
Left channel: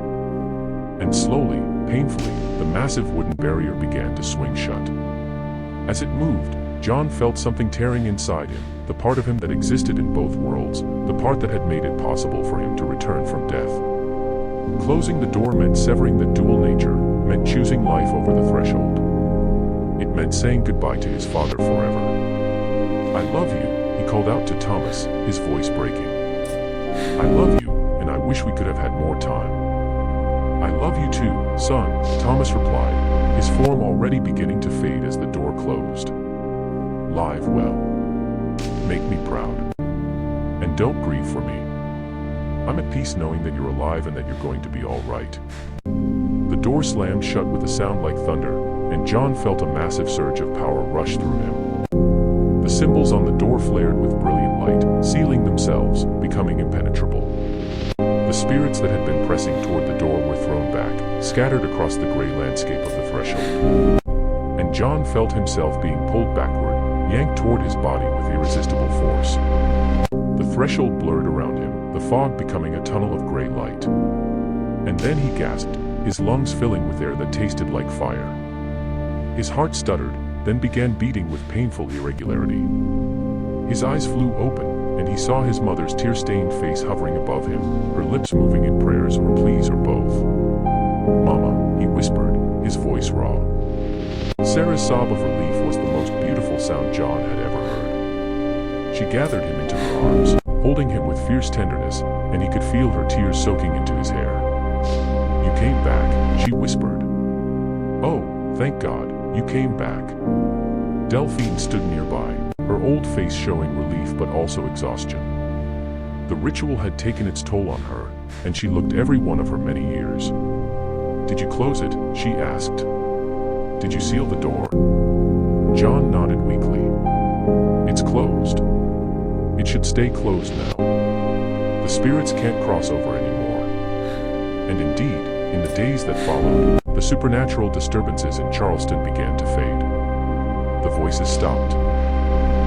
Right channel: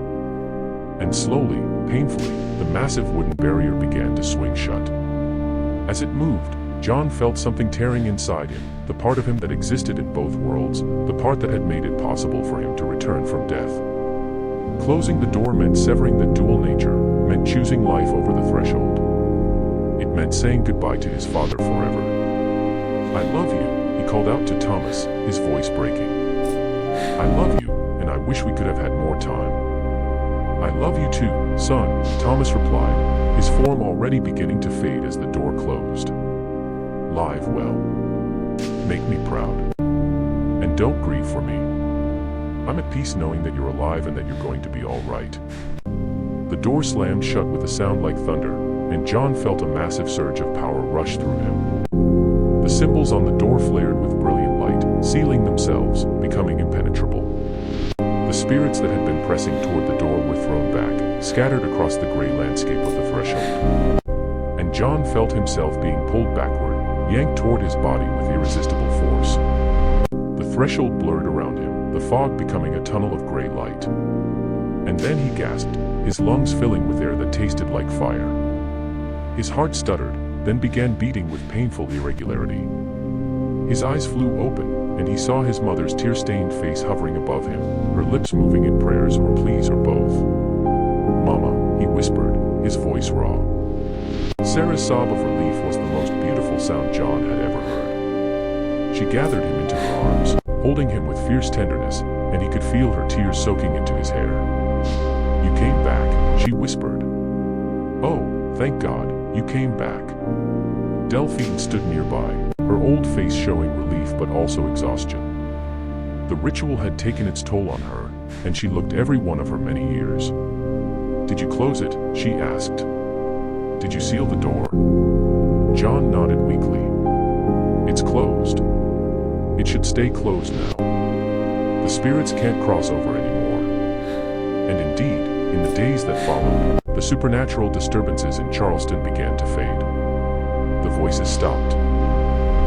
And slowly, painfully, the massive wooden barrier began to swing shut. As it moved, John felt something tearing inside him, the part of him that existed in both worlds, the part that had made it possible for him to return from death. Closing the door meant severing the dual nature, meant choosing life over the threshold. It meant saying goodbye to his father forever. "I love you," he called out to Thomas, his voice breaking. "I love you, and I wish we could have had more time." "I love you too, son," Thomas replied, his form already beginning to fade as the door closed. "Live well. Make me proud. And don't grieve for me. I'm at peace knowing that you're alive and that you're going to be all right." The door slammed shut with a sound like thunder, and John felt a massive surge of power rush through him. The symbols on the door flared with brilliant light, sealing themselves, becoming impenetrable. The spirits that had been pressing toward the door were thrown back, scattered across the gray landscape of the threshold. And John felt himself being pulled backward, yanked toward his body with irresistible force. The threshold blurred around him, the fog becoming a tunnel of gray light. And then he gasped, his lungs filling with air that tasted like fire. His heart stuttered, then began beating with painful irregularity. His eyes flew open, and he saw his mother's tear-stained face hovering above him, her lips moving in prayers or pleas or both. "Mama," he whispered, his voice raw. Sarah's sob of relief was the most beautiful sound John had ever heard. She gathered him into her arms, holding him with fierce tenderness, and he could feel her tears soaking into his hair. "You came back," she whispered. "Oh, thank God, you came back." Delphine stood nearby, her old face showing relief but also exhaustion. The ritual had taken its toll on her, and she looked every one of her many years. "Did you close it?" she asked. "Did you seal the door?" John nodded weakly. "It's closed. It should stay closed now. The spirits can't cross over anymore." And indeed, in the days that followed, the supernatural disturbances in Charleston began to fade. The voices stopped.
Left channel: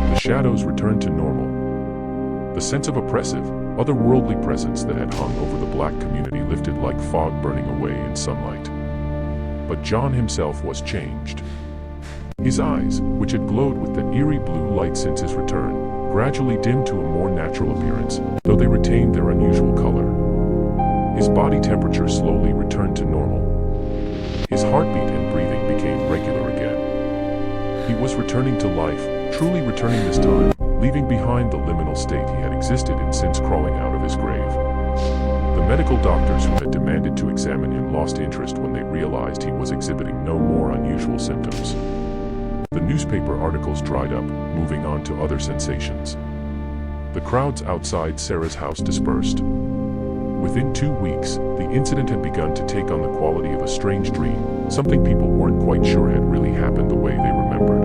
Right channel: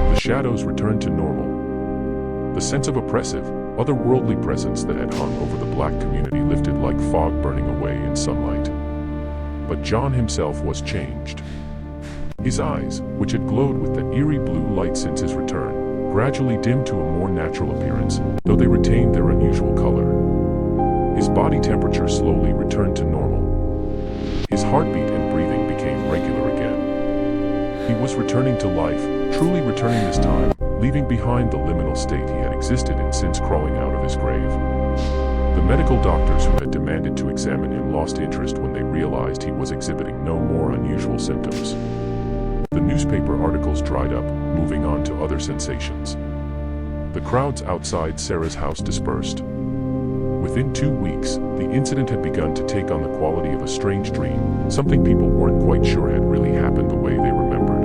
The shadows returned to normal. The sense of oppressive, otherworldly presence that had hung over the black community lifted like fog burning away in sunlight. But John himself was changed. His eyes, which had glowed with that eerie blue light since his return, gradually dimmed to a more natural appearance, though they retained their unusual color. His body temperature slowly returned to normal. His heartbeat and breathing became regular again. He was returning to life, truly returning this time, leaving behind the liminal state he had existed in since crawling out of his grave. The medical doctors who had demanded to examine him lost interest when they realized he was exhibiting no more unusual symptoms. The newspaper articles dried up, moving on to other sensations. The crowds outside Sarah's house dispersed. Within 2 weeks, the incident had begun to take on the quality of a strange dream, something people weren't quite sure had really happened the way they remembered.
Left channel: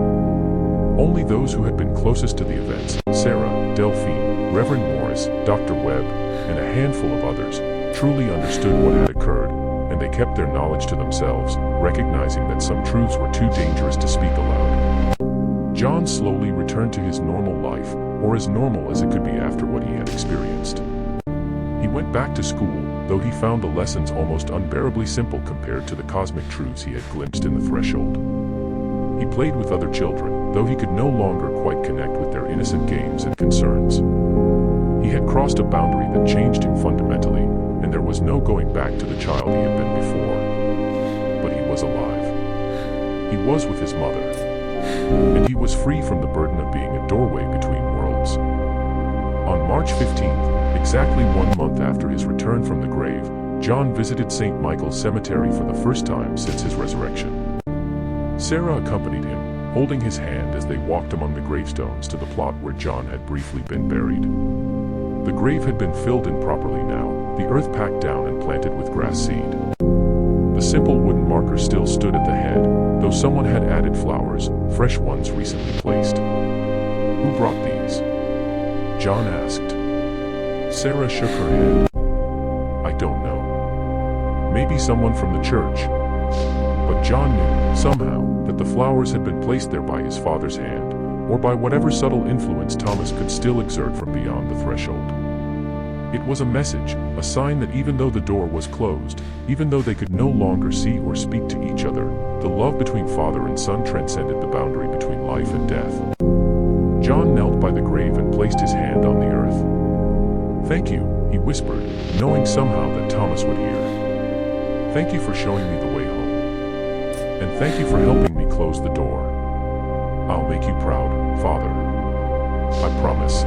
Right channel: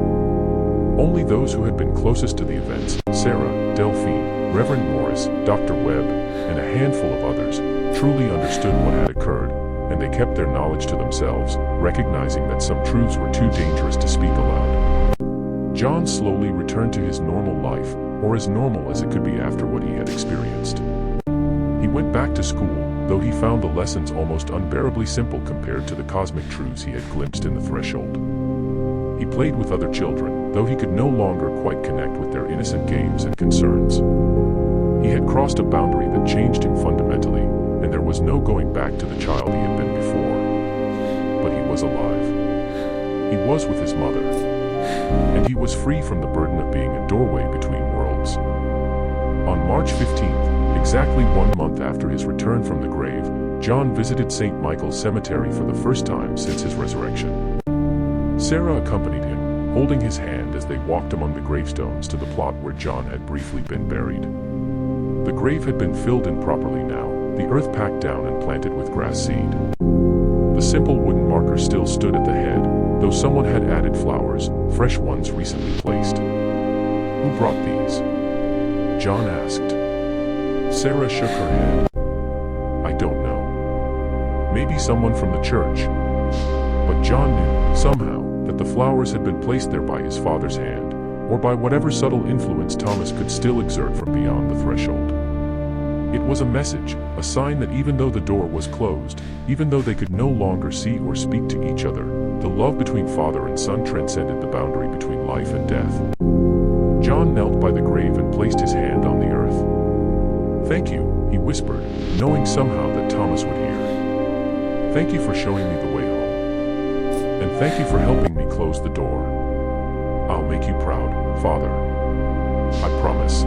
Only those who had been closest to the events, Sarah, Delphine, Reverend Morris, Dr. Webb, and a handful of others, truly understood what had occurred, and they kept their knowledge to themselves, recognizing that some truths were too dangerous to speak aloud. John slowly returned to his normal life, or as normal as it could be after what he had experienced. He went back to school, though he found the lessons almost unbearably simple compared to the cosmic truths he had glimpsed in the threshold. He played with other children, though he could no longer quite connect with their innocent games and concerns. He had crossed a boundary that changed him fundamentally, and there was no going back to the child he had been before. But he was alive. He was with his mother. And he was free from the burden of being a doorway between worlds. On March 15th, exactly 1 month after his return from the grave, John visited St. Michael's Cemetery for the first time since his resurrection. Sarah accompanied him, holding his hand as they walked among the gravestones to the plot where John had briefly been buried. The grave had been filled in properly now, the earth packed down and planted with grass seed. The simple wooden marker still stood at the head, though someone had added flowers, fresh ones recently placed. "Who brought these?" John asked. Sarah shook her head. "I don't know. Maybe someone from the church. But John knew, somehow, that the flowers had been placed there by his father's hand, or by whatever subtle influence Thomas could still exert from beyond the threshold. It was a message, a sign that even though the door was closed, even though they could no longer see or speak to each other, the love between father and son transcended the boundary between life and death. John knelt by the grave and placed his hand on the earth. "Thank you," he whispered, knowing somehow that Thomas would hear. "Thank you for showing me the way home. And thank you for helping me close the door. I'll make you proud, Father. I promise."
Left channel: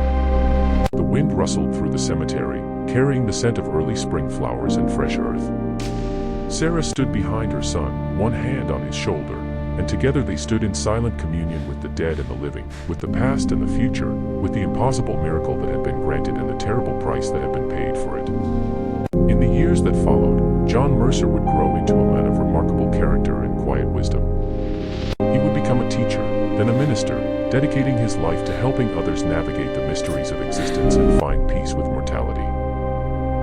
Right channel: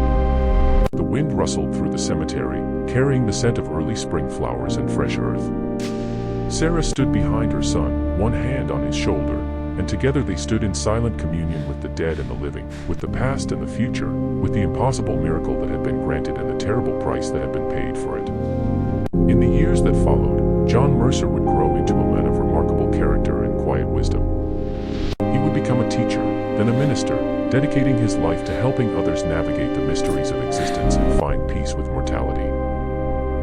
The wind rustled through the cemetery, carrying the scent of early spring flowers and fresh earth. Sarah stood behind her son, one hand on his shoulder, and together they stood in silent communion with the dead and the living, with the past and the future, with the impossible miracle that had been granted and the terrible price that had been paid for it. In the years that followed, John Mercer would grow into a man of remarkable character and quiet wisdom. He would become a teacher, then a minister, dedicating his life to helping others navigate the mysteries of existence and find peace with mortality.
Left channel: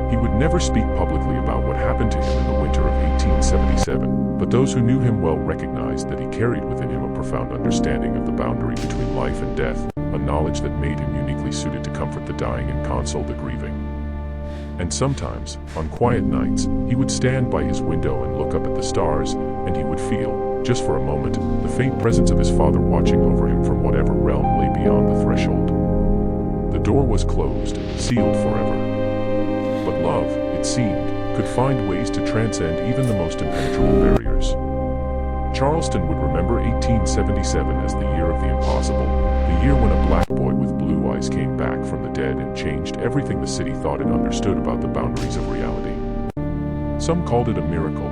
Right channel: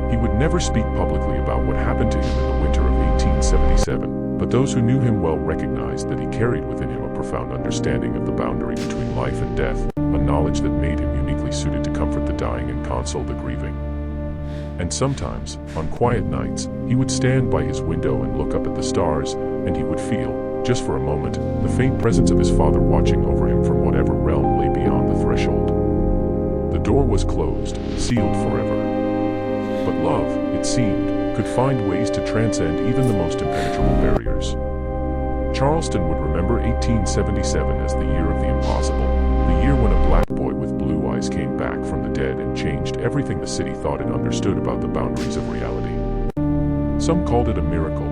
He would never speak publicly about what happened to him in the winter of 1877, but those who knew him well recognized that he carried within him a profound understanding of the boundary between life and death, a knowledge that made him uniquely suited to comfort the dying and console the grieving. And sometimes, on quiet nights, he would stand by his window and look up at the stars, and he would feel, just for a moment, the faint presence of his father watching over him from whatever realm lay beyond the threshold. The door was closed, sealed forever. But love, it seemed, could find ways to transcend even the most impenetrable barriers. Charleston would remember 1877 as the year of the impossible, the year when a black boy with blue eyes came back from the dead and changed everything the city thought it understood about the boundaries of reality. Some called it a miracle.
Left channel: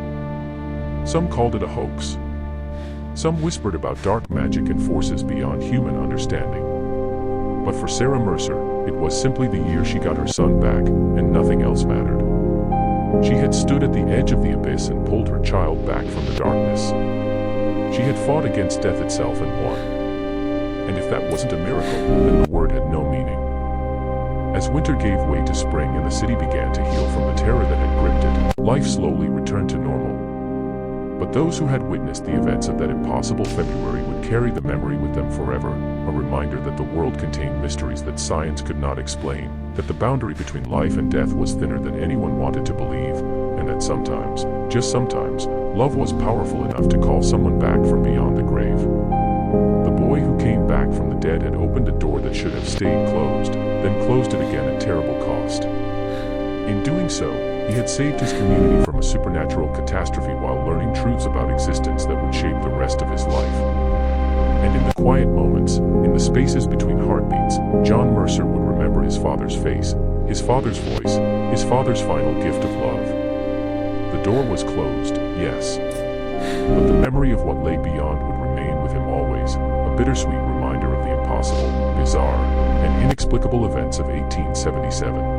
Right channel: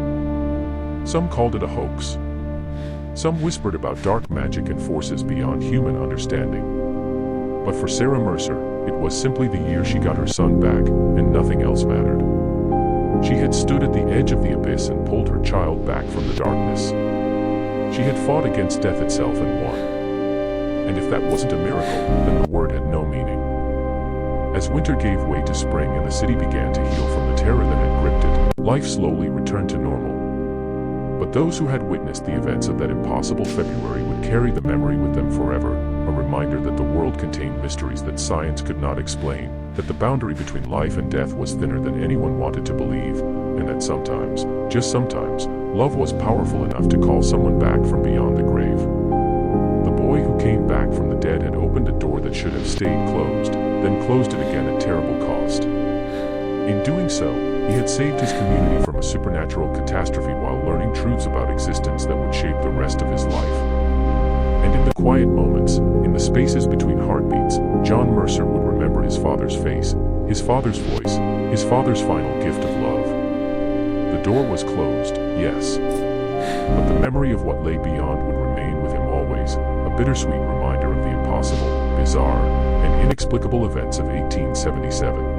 Some called it a hoax. Some whispered about dark magic and forces beyond human understanding. But for Sarah Mercer, it was simply the year she got her son back, and nothing else mattered. She had stood at the edge of the abyss and pulled her child back from the darkness. She had fought against death itself and won. And if that wasn't a miracle, then the word had no meaning. As winter gave way to spring and the city began to heal from the terror that had gripped it, life slowly returned to normal. But those who had witnessed the events of that impossible February would carry the memory with them forever, a reminder that the world contained mysteries that science could not explain, that the boundary between life and death was thinner than anyone wanted to believe, and that sometimes, just sometimes, love was powerful enough to call someone back from beyond the grave. The boy who came back from the dead had opened a door that should have stayed closed, then closed it again at terrible cost. In doing so, he had saved his community from a supernatural catastrophe while learning truths about existence that would shape the rest of his life. And in the quiet moments, in the spaces between heartbeats, John Mercer would remember his father's face, his father's voice, his father's final gift of love. The door was closed, yes. But the memory of what lay beyond would remain with him always, a bittersweet reminder of the impossible, bizarre, and inexplicable events of 1877.